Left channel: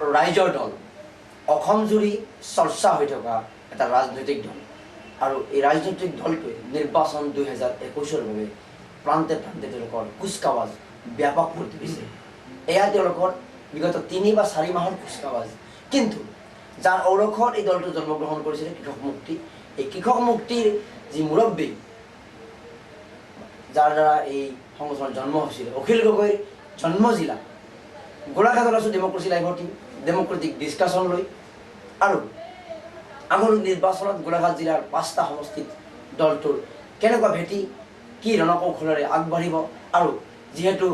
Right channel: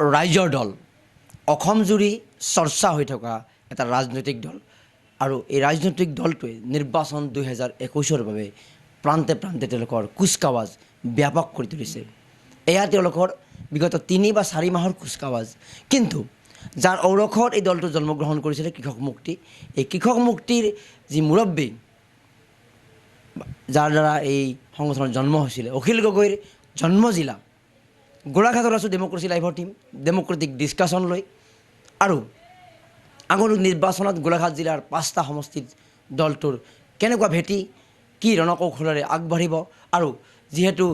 ৰাইজৰ দল অসম জুৰি চৰ্চা হৈ থকা এটা ৰাজনৈতিক দল আৰু এই ৰাজনৈতিক দলটোৱে নিৰ্বাচন 2021-ৰ বাবে প্ৰান্তে প্ৰান্তে তেওঁলোকৰ কুচকাৱাজ ব্যাপক কৰি তুলিছে। এয়া তেওঁলোকৰ বিগত 3 বা 4 মাহৰ কুচকাৱাজ। কিন্তু যাৰ ঔৰসত এই দলটো জন্মগ্ৰহণ কৰিছিলে কৃষক মুক্তি, এই কৃষক মুক্তিৰ যি মুৰব্বী, যাৰ দ্বাৰা এই সংগঠনৰ জন্ম হৈছিলে, অখিল গগৈৰ জন্মজিলা গোলাঘাটত আছোঁ ডেম'ক্ৰেচি লাইভৰ টিম, ডেম'ক্ৰেটিক ডিছকাশ্যন লৈ। আৰু আগন্তুক নিৰ্বাচনত গোলাঘাট জিলাৰ 5টা সমষ্টিত দলটোৰ কেনেকুৱা ভেটি, কি ৰণকৌশলেৰে আগবাঢ়িব, আৰু যিহেতু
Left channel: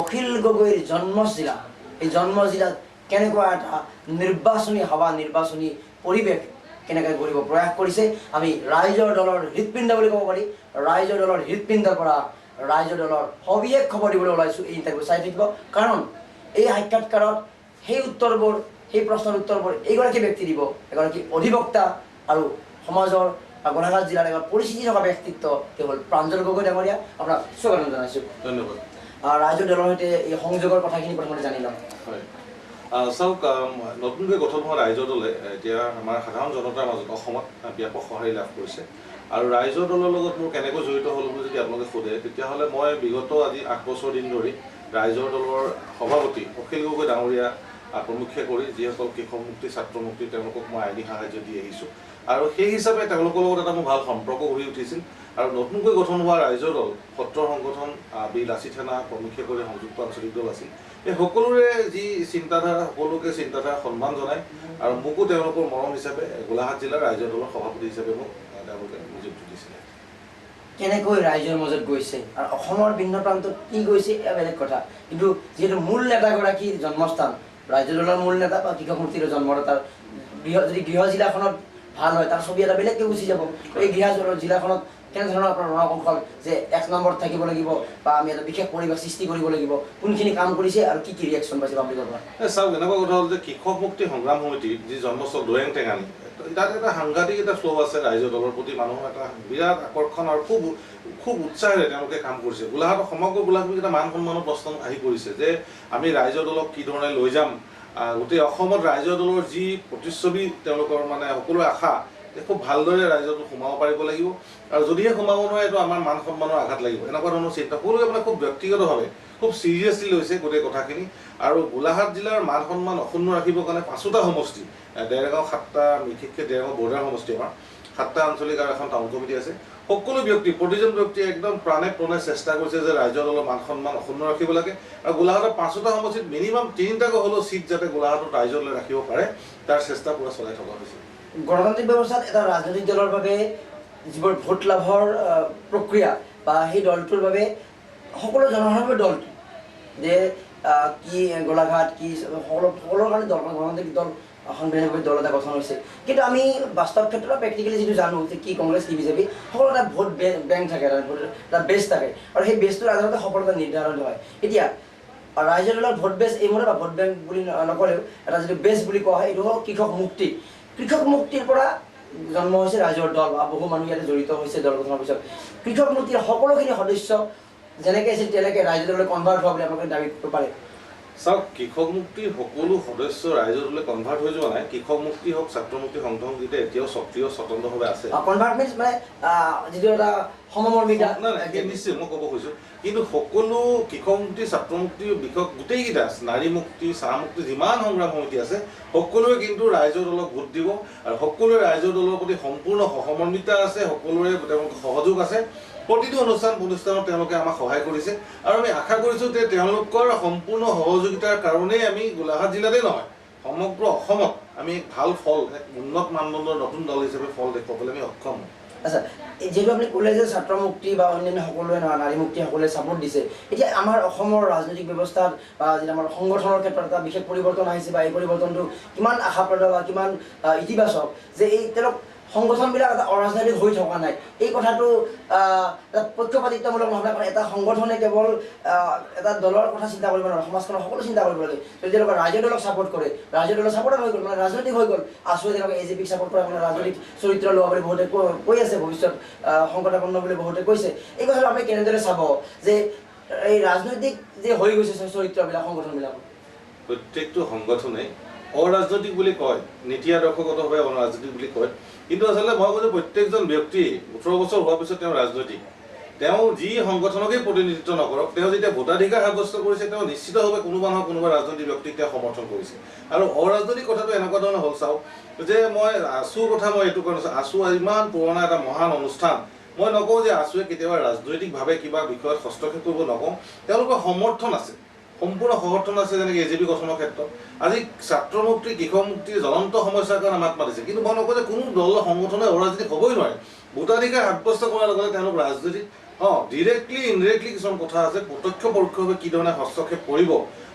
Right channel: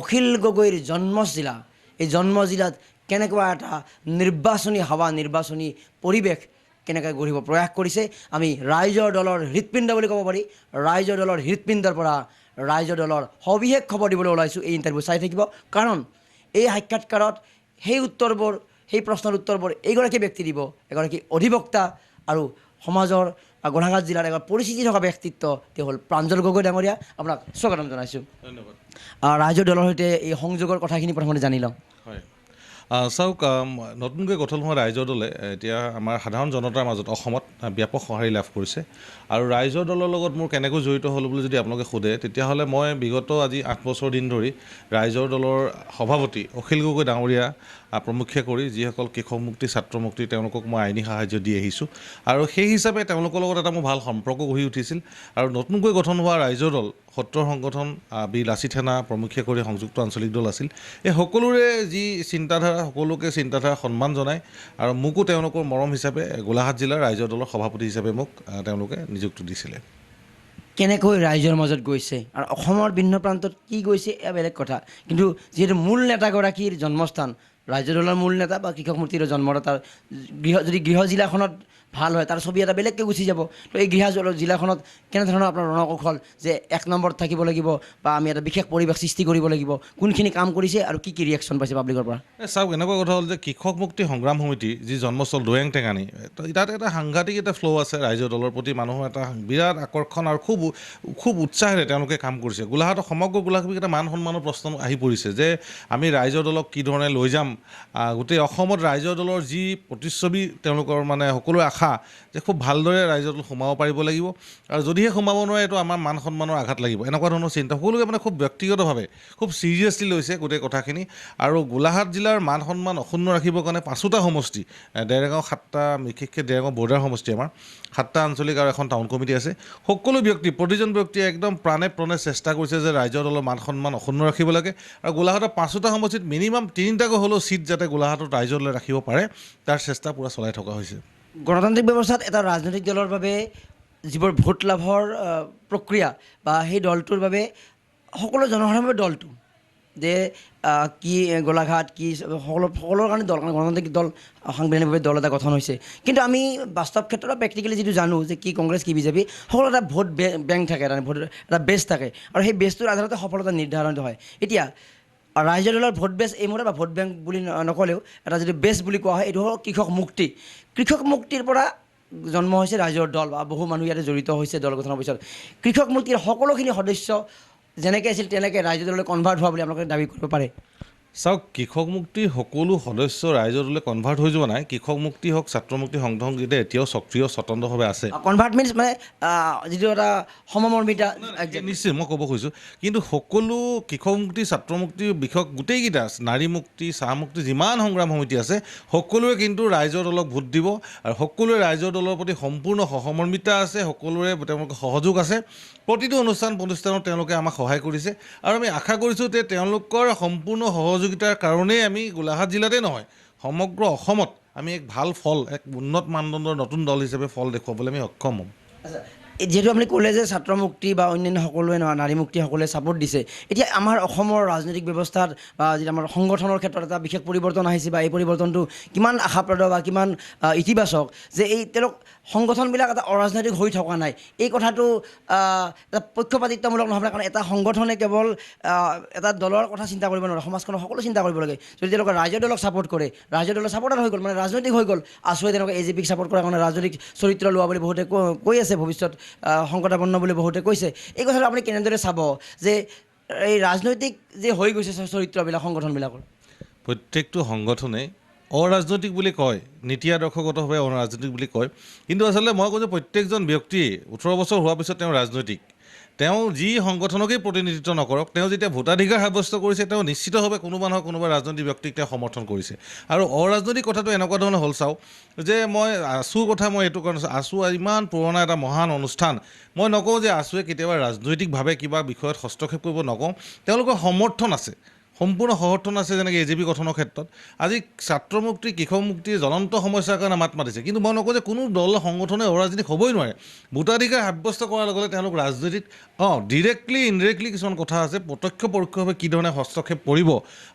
অখিল গগৈৰ জন্মজিলা, এই জন্মজিলাত কেনেকুৱা এটা নিৰ্বাচনী হাৱা, নিৰ্বাচনী পৰিৱেশ কেনেকৈ গঢ়িব প্ৰয়াস কৰিছে, আমি ৰাইজৰ দলৰ হৃদপিণ্ড বুলি ক'ব পাৰি, ৰাইজৰ দলৰ হৃদপিণ্ডৰ পৰা ৰাইজৰ দলৰ সবিশেষ খবৰ দিবলৈ ওলাইছোঁ। এই ইণ্টাৰভিউ চাই থাকিব, কাৰণ এই সাক্ষাৎকাৰত সেই উত্তৰবোৰ, সেই প্ৰশ্নৰ উত্তৰবোৰ এইগৰাকী ব্যক্তি দিব, এগৰাকী অধিবক্তা আৰু সমাজৰ গোলাঘাট জিলাৰ এগৰাকী পৰিচিতি থকা ব্যক্তিত্ব, তেওঁ হ'ল প্ৰাঞ্জল গগৈ ডাঙৰীয়া। আপোনাক স্বাগতম জনাইছোঁ। ধন্যবাদ। ৰাইজৰ দলৰ সৈতে এই সংযোগৰ কথাখিনি প্ৰথমতে জানি লওঁ। হয়, চাওক, নতুনকৈ গঠন হোৱা ৰাইজৰ দলে এতিয়া আমাৰ সাধাৰণ জনতাৰ মাজত অসমত ব্যাপক সঁহাৰি লাভ কৰিছে। আৰু ৰাইজৰ দলৰ লগত মোৰ কেনেকৈ জড়িত হ'ল বুলি যদি আপোনালোকে সোধে, তেতিয়াহ'লে মই বিগত আজি 8 বছৰ দিন ধৰি ৰাইজৰ দলৰ সভাপতি অখিল গগৈ ডাঙৰীয়া প্ৰমুখ্যে কৰি যিসকল কৃষক মুক্তি, ছাত্ৰ মুক্তি, তেওঁলোকক মই আইনী সাহায্য দি আহিছোঁ। আৰু সেই হিচাপে তেওঁলোকৰ লগত এটা মোৰ ভাল সম্পৰ্ক গঢ়ি উঠিছিল। আৰু নতুনকৈ গঠন হোৱা ৰাইজৰ দল, সত্ৰৰ সংগঠন, বীৰ লাচিত সেনা প্ৰমুখ্যে কৰি সংযুক্ত আঞ্চলিক দল আছিল। এই সকলোৰে যি চিন্তাধাৰা, সকলোকে চিন্তাধাৰা সন্মান জনায় আৰু মোকো তেওঁলোকৰ মৰম হিচাপে গোলাঘাট জিলাৰ ৰাইজৰ দলৰ সভাপতি হিচাপে মোক তেওঁলোকে নিযুক্তি দিছিলে। কেনেকৈ ৰাইজৰ মাজত গৈছে আৰু অসমৰ ভিন্ন প্ৰান্তত কি গৈছে এয়া বেলেগ কথা, কিন্তু যিহেতু মূল নেতাগৰাকীৰ জন্মস্থান, ৰাইজৰ দলৰ মূল নেতা বা কৃষক মুক্তিৰ জন্মদাতাৰ যদি গৃহ জিলাখনত ভাল হয়, তাৰ ছবি এটা বেলেগকৈ গুচি যাব। তো এই গৃহ জিলাখনত কেনেধৰণৰ আপোনাৰ ৰণকৌশল, যে 1 নম্বৰত থাকিব লাগিব বা আমি এটা বিশেষ পৰিৱেশ সৃষ্টি কৰিব লাগিব, কোনখিনি কাম কৰিছে আৰু কি কি ৰিয়েকশ্যন পাইছে পাব্লিকৰ পৰা? চাওক, এনেকুৱা কথা হ'ল যে কৃষক মুক্তি সংগ্ৰাম সমিতিৰ যি জন্মস্থল দৈয়াং টেঙানী, তাত এটা সাংঘাতিক এটা ফ্ল' আছে। ৰাইজৰ দলৰ প্ৰতি মানুহৰ এটা বিৰাট আকৰ্ষণ আৰু খুব উৎসাহেৰে তেওঁলোকে কাম কৰিছে। গোলাঘাটৰ সমগ্ৰ গোলাঘাটত এটা মান সন্মানৰ প্ৰশ্ন আহি পৰিছে যে আমি ৰাইজৰ দলক কি ধৰণে লৈ যাম। গোটেই অসমত ৰাইজৰ দলৰ যি প্ৰতিচ্ছবি, তেওঁলোকৰ মানে সকলোৰে আশা যে খুব ভালদৰে ৰাইজৰ দল সোমাব পাৰিব লাগিব, আৰু যদিহে সোমাব নোৱাৰে এইটো আমাৰ মান সন্মানৰ আঘাত লাগিব, এনেকুৱা ধৰণৰ চিন্তা সকলোকে মানে খুব ব্যক্তিগতভাৱে খুব ছিৰিয়াছলি লৈছে গোটেই কথাখিনি। আৰু গোলাঘাট জিলাৰ মান সন্মান অক্ষুণ্ণ ৰাখিবৰ কাৰণে 5টা সমষ্টি, ডেৰগাঁও 7টা, বিশেষকৈ ডেৰগাঁও বৰ্ডাৰ সমষ্টি, আমাৰ 7টা আঞ্চলিক আৰু এখন টাউন কমিটি আছে। সকলো ব্যক্তি, প্ৰতিজন ব্যক্তিয়ে একদম প্ৰাণে চেষ্টা কৰিছে যে ৰাইজৰ দলৰ মান সন্মান অক্ষুণ্ণ ৰাখিব লাগে। আৰু গোলাঘাটৰ 5টা সমষ্টিত মিনিমাম 3টাকৈ হ'লেও চিট যাতে গোলাঘাটত ৰাইজৰ দলে ৰাখিব পাৰে, তাৰ চেষ্টা পূৰা চলাই থকা হৈছে। গণতান্ত্ৰিক ব্যৱস্থাত এটা ৰাজনৈতিক দলৰ বাবে যিবোৰ ভোট লাভৰ প্ৰক্ৰিয়া বা সেই দলটোৰ বাবে সকলো জনসাধাৰণৰ দলটো যে কি গোলাঘাট কি সকলোৰ কাৰণে দল, গণতান্ত্ৰিক দল, সাংবিধানিকভাৱে দল এটা গঠন হৈছে। কিন্তু আমি বাস্তৱ ক্ষেত্ৰত প্ৰেক্টিকেলি যিটো জানো যে কি কংগ্ৰেছ কি বিজেপি, সকলো এটা ভোট বেংক থাকে, এটা বেছ থাকে, আৰু সেই বেছটোৰ আধাৰতে সফলতা নিৰ্ধাৰণ হয়। এতিয়া ৰাইজৰ দলৰ ভোট বেছ এইমতে, বা ভোট বেংক বুলি নক'লেও এটা যদি বেছ বুলি কোৱা হয়, এইটো হ'ল কৃষক মুক্তি। কৃষক মুক্তিৰ পৰা জন্ম হৈছে ৰাইজৰ দল, বা বহু মানুহ ইয়াতে জড়িত হৈছে দল গঠনৰ পিছত। কৃষক মুক্তিৰ সকলোখিনি সদস্য যেনেকৈ আছিল তেনেকৈ ৰাইজৰ দললৈ কনভাৰ্ট হোৱা বুলি আপোনালোকে দাবী কৰিব পাৰে? চাওক, কৃষক মুক্তিৰ সকলো সদস্য ৰাইজৰ দলে কনভাৰ্ট হৈ যোৱা নাই। কৃষক মুক্তি হওক, ছাত্ৰ মুক্তি সংগঠনকেইটা এতিয়াও সক্ৰিয় স্বতন্ত্ৰভাৱে আছে। কনভাৰ্ট মিনছ মানে যিটো এটা সমমৰ্মিতা। নিশ্চয় মই ক'ব খুজিছোঁ, কিন্তু সকলো কৃষক মুক্তি, ছাত্ৰ মুক্তি বিষয়ক গোটেইকেইটা, নাৰী মুক্তি, চাহ মুক্তি, যিমান সংগ্ৰাম সমিতি আছে, সকলোৱে কিন্তু ৰাইজৰ দলক ভোট দিব, আৰু সকলোৱে ৰাইজৰ দলৰ প্ৰতি সম্পূৰ্ণ সহমৰ্মিতা আছে, সকলোৰে তেওঁলোকৰ সহযোগ আছে। প্ৰতিটো অনুষ্ঠানত তেওঁলোকে আমাক সহায় কৰিছে, আৰু আমি আশা কৰিছোঁ যে তেওঁলোকৰ সম্পূৰ্ণ সহযোগিতাৰ কাৰণেই আমি গোলাঘাট জিলাতে নহয়, সমগ্ৰ অসমত আমি এক ভাল ফল, এক উন্নত মানদণ্ডৰ নতুন দল হিচাপে ফল দেখুৱাবলৈ আমি সক্ষম হ'ম। আচ্ছা, যিহেতু আপুনি ক'লে যে ছাত্ৰ মুক্তি বা অন্যান্য সকলোৱে নাৰী মুক্তি সকলোৱে ছাপোৰ্ট দিছে, এতিয়া আমাৰ অসমৰ ৰাজনৈতিক ব্যৱস্থাত বা যেতিয়া আমাৰ সংগঠনৰ ক্ষেত্ৰত এটা বিশেষ পৰিৱৰ্তন আহিছে, বা এই পৰিৱৰ্তনটো কিমান আশাপ্ৰদ বা কিমান ইতিবাচক, যে এই তেওঁলোক সংগঠনবিলাক এটা অৰাজনৈতিক হৈ থকা নাই, এই কথাটো এটা পক্ষপাতিত্বমূলক নহ'লে, কাৰণ এটা সংগঠনে কেৱল এটা দলৰ কথা চিন্তা কৰিব নোৱাৰে, সমাজখনৰ সকলো চিন্তা কৰিব লাগে। যদি তেওঁলোকে ৰাইজৰ দলক ছাপোৰ্ট কৰে, ৰাইজৰ দলৰ ছাপোৰ্টাৰ হৈ গ'ল, মানে ৰাজনৈতিক হৈ গ'ল, আছুৱে তেওঁলোকে AJPক ছাপোৰ্ট কৰা কাৰণে ৰাজনৈতিক চৰিত্ৰ লোৱা বুলি বহুতে কৈ আছে, ভৱিষ্যত সংকটাপন্ন বুলি বহুতে কৈছে। এই কথাটো আপুনি কেনেদৰে চাব যে এই ৰাজনৈতিক যে হৈ গৈছে চৰিত্ৰবিলাক সংগঠনবিলাকৰ? প্ৰত্যেকটো সংগঠনেই অৰাজনৈতিক বুলি কয়, নীতি আদৰ্শগতভাৱে অৰাজনৈতিক বুলি কয়, কিন্তু আচলতে মই কৈছোঁ প্ৰত্যেকজন ব্যক্তি 18 বছৰ হোৱাৰ পিছত তেওঁ ৰাজনৈতিক। তেওঁ যি সংগঠনকেই প্ৰতিনিধিত্ব নকৰক, তেওঁ যেতিয়া ভোটাধিকাৰ সাব্যস্ত কৰিছে, তেওঁ নিশ্চিতভাৱে কোনোবা নহয় কোনোবা ৰাজনৈতিক ব্যক্তিক তেওঁ সমৰ্থন কৰিছে। আৰু অৰাজনৈতিক কথাটো এনেকুৱা ধৰণৰ হ'ল চাওক, যে মই আছুৰ কথা মই এইটো কাৰণ আছু ইমান পুৰণা এটা মহান অনুষ্ঠান, মই নকওঁ যে আছুৱে কেতিয়াবা ৰাজনৈতিকভাৱে কিবা বিষয়ত হস্তক্ষেপ কৰিব নকওঁ, তেওঁলোকৰ সমৰ্থন আছে, সম্পূৰ্ণ সমৰ্থন আছে, যেনেকৈ AJP গঠনৰ ক্ষেত্ৰত। আজি ছাত্ৰ মুক্তি, কৃষক মুক্তিৰ জ্বলন্ত সমস্যাৰ কাৰণে মাত মাতিছে, কিন্তু মই নকওঁ যে কোনো দল সংগঠনে অৰাজনৈতিক হ'বই নোৱাৰে। ভোটাধিকাৰ সাব্যস্ত কৰাৰ লগতে তেওঁলোক ৰাজনৈতিক ডিৰেক্টলি ইনডিৰেক্টলি কিছুমান কথা আছে, প্ৰত্যক্ষ পৰোক্ষভাৱে কি ধৰণে হস্তক্ষেপ কৰিব।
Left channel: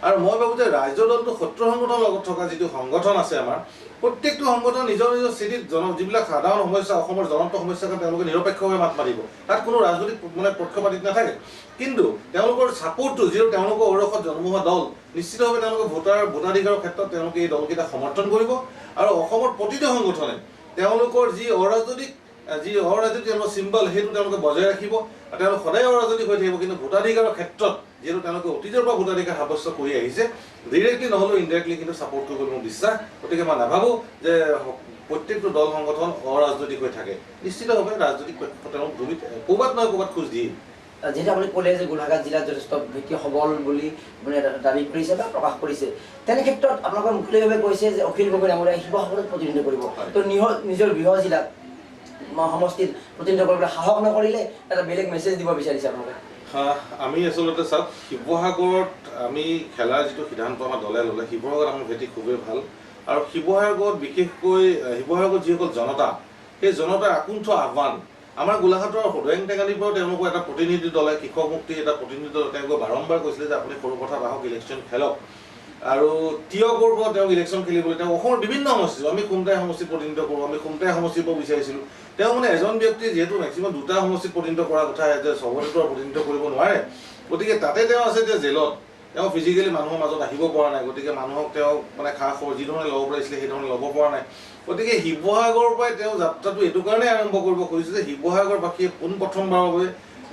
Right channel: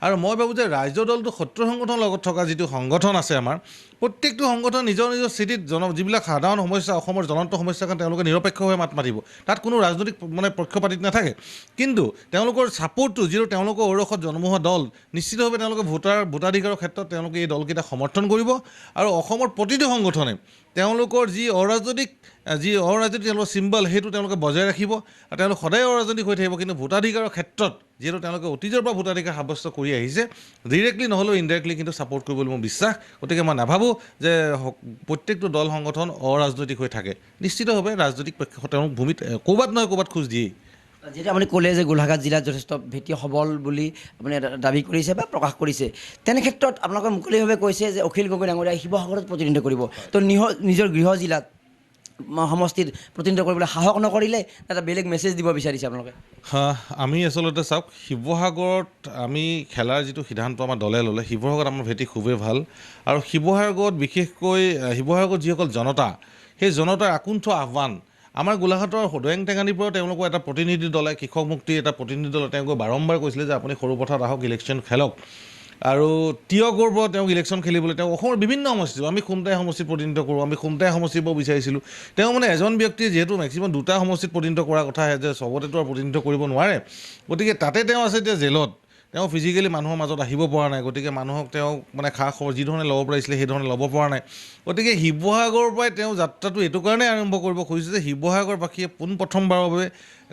আৰু মই ভাবোঁ যে ৰাইজৰ দলটো শত্ৰু সংগঠনৰ লগত থকা যিটো সংগঠন আছে আমাৰ, প্ৰত্যেকটো সংগঠন নিজৰ নিজৰ স্থিতিত যিবিলাক সাধাৰণ সমস্যা, অসমৰ জ্বলন্ত সমস্যাৰ কাৰণে তেওঁলোকে নিৰপেক্ষভাৱে মাত মাতিব, তাত কোনো ৰাজনৈতিক পক্ষপাতিত্ব নাথাকে। কিন্তু তেওঁলোকৰ ছাপোৰ্টটো, যিটো তেওঁলোকৰ ঔৰসত জন্ম হোৱা দল, নিশ্চিতভাৱে তেওঁলোকে ভোটাধিকাৰৰ ক্ষেত্ৰত তেওঁলোকে এই দলকেইটা সমৰ্থন কৰিব। আৰু অসমৰ প্ৰতিটো সংগঠনে তেওঁলোকৰ যি অৰাজনৈতিক তেওঁলোকৰ চিম্বল, সেইটো তেওঁলোকে বজাই ৰাখিব। আৰু তেওঁলোক সদায় অৰাজনৈতিক হৈ থাকিব, কিন্তু ভোটাধিকাৰৰ ক্ষেত্ৰত যিহেতু তেওঁলোকে অতীজৰ পৰা ভোটাধিকাৰ সাব্যস্ত কৰি আহিছে, ডিৰেক্টলি নহ'লেও ইনডাইৰেক্টলি কিন্তু ছাপোৰ্ট কৰিব বুলি মোৰ বিশ্বাস। গতিকে মই নাভাবোঁ যে প্ৰত্যেকটো দল সংগঠন অৰাজনৈতিক হৈ থাকে। নিশ্চিতভাৱে ৰাজনৈতিক তেওঁলোক ভূমিত ক'ৰবাত নহয় ক'ৰবাত খোজ দিয়েই। যিহেতু আপুনি ক'লে যে গোলাঘাট জিলাত যথেষ্ট ভেটি সবল বুলি আপুনি দাবী কৰিছে বা প্ৰকাশ কৰিছে, তেনে ক্ষেত্ৰত আপোনালোকে মুকলিভাৱে কৈছে যে অখিল গগৈ ডাঙৰীয়াই শিৱসাগৰত প্ৰতিনিধিত্ব কৰিব, তো নিজৰ গৃহ জিলাত সমষ্টিত প্ৰতিনিধিত্ব কৰিবলৈ সাহস নকৰিলে এটা বেলেগ মেছেজ দিব বিচাৰিছে আপোনালোকে? আমি আচলতে চাওক, শিৱসাগৰত আমি খেলাৰ যিটো সিদ্ধান্ত আমাৰ দলে ল'লে, শিৱসাগৰত আমাৰ ভেটি খুবেই ভাল। আৰু শিৱসাগৰত বিশেষকৈ শিৱসাগৰত যিসকল জনতা, সেই জনতাৰ আকুণ্ঠ আহ্বান, আমাৰ গোলাঘাটৰ দৈয়াং টেঙানীৰ পৰাও তেওঁলোকৰ এটা প্ৰতিনিধি দলে, কৃষক মুক্তিৰ এটা প্ৰতিনিধি দলে তেওঁলোকে বাৰম্বাৰ কৈছিলে যে আপুনি সৰুপথাৰত আহক, ইলেকশ্যন খেলক। আৰু তিয়কৰ পৰা তেওঁক ইলেকশ্যন খেলিবলৈ তেওঁ অসমৰ বিভিন্ন সমষ্টি, আমি খুমটাই সমষ্টিত প্ৰতিনিধিত্ব কৰোঁ, আমি খুমটাই সমষ্টিৰ পৰা বিচাৰিছিলোঁ। তেওঁ মানে এজন ব্যক্তিয়ে যিহেতু মেক্সিমাম দুটা সমষ্টিত প্ৰতিনিধিত্ব কৰাৰ কথা আহে, যে চবতেতো প্ৰতিনিধিত্ব কৰিব নোৱাৰে, গতিকে তাতে তেওঁ আছে এতিয়া জেলত, তেওঁ ফিজিকেলি মানুহৰ মাজত আহিব পৰা নাই, গতিকে মানুহক তেওঁ মানে যি ধৰণে ল'ব পাৰিছিলে সেই ধৰণে ল'ব পৰা নাই। গতিকে শিৱসাগৰৰ পৰাই তেওঁ যাত্ৰাটো এইটো কাৰণেই আৰম্ভ কৰিব খুজিছে যে শিৱসাগৰবাসীয়ে পোনপ্ৰথমবাৰৰ বাবে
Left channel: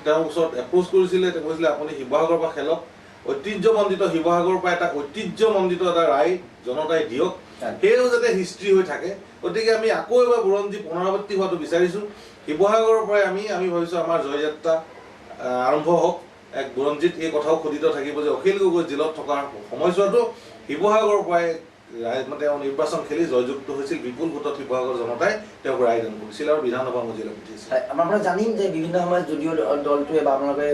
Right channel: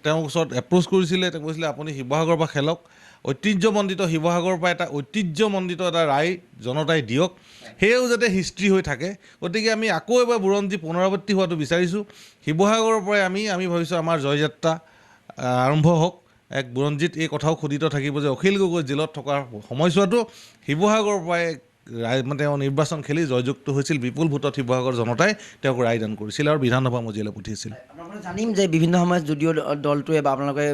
তেওঁৰ ওচৰত এপ্ৰ'চ কৰিছিলে, তেওঁ কৈছিলে আপুনি শিৱসাগৰৰ পৰা খেলক, ঐতিহ্যমণ্ডিত শিৱসাগৰৰ পৰা এটা ঐতিহ্যমণ্ডিত এটা ৰায় জনতাই দিয়ক, সেয়াও যাতে হিষ্ট্ৰী হৈ থাকে। গতিকে আমি আকৌ এবাৰ বুৰঞ্জী পুনৰাবৃত্তি হোৱাটো বিচাৰিছোঁ। শিৱসাগৰৰ পৰাই আমি ভাবিছোঁ আমাৰ জয়যাত্ৰা আৰম্ভ হওক। এক বুৰঞ্জীত এই কথাও খোদিত থাকিব যে অখিল গগৈ জেলত থকাৰ সময়ছোৱাতো শিৱসাগৰৰ পৰাই তেওঁ নিৰ্বাচন খেলি জয়যুক্ত হৈছিল, বিপুল ভোটত শিৱসাগৰ জনতাই তেওঁক ৰায়দান কৰিছিল আৰু বিধানসভা মজিয়ালৈ পঠিয়াইছিল। আমাৰ পৰা জানিম যে বিভিন্ন সময়ত যদিও দলটোৱে বা আপোনালোকে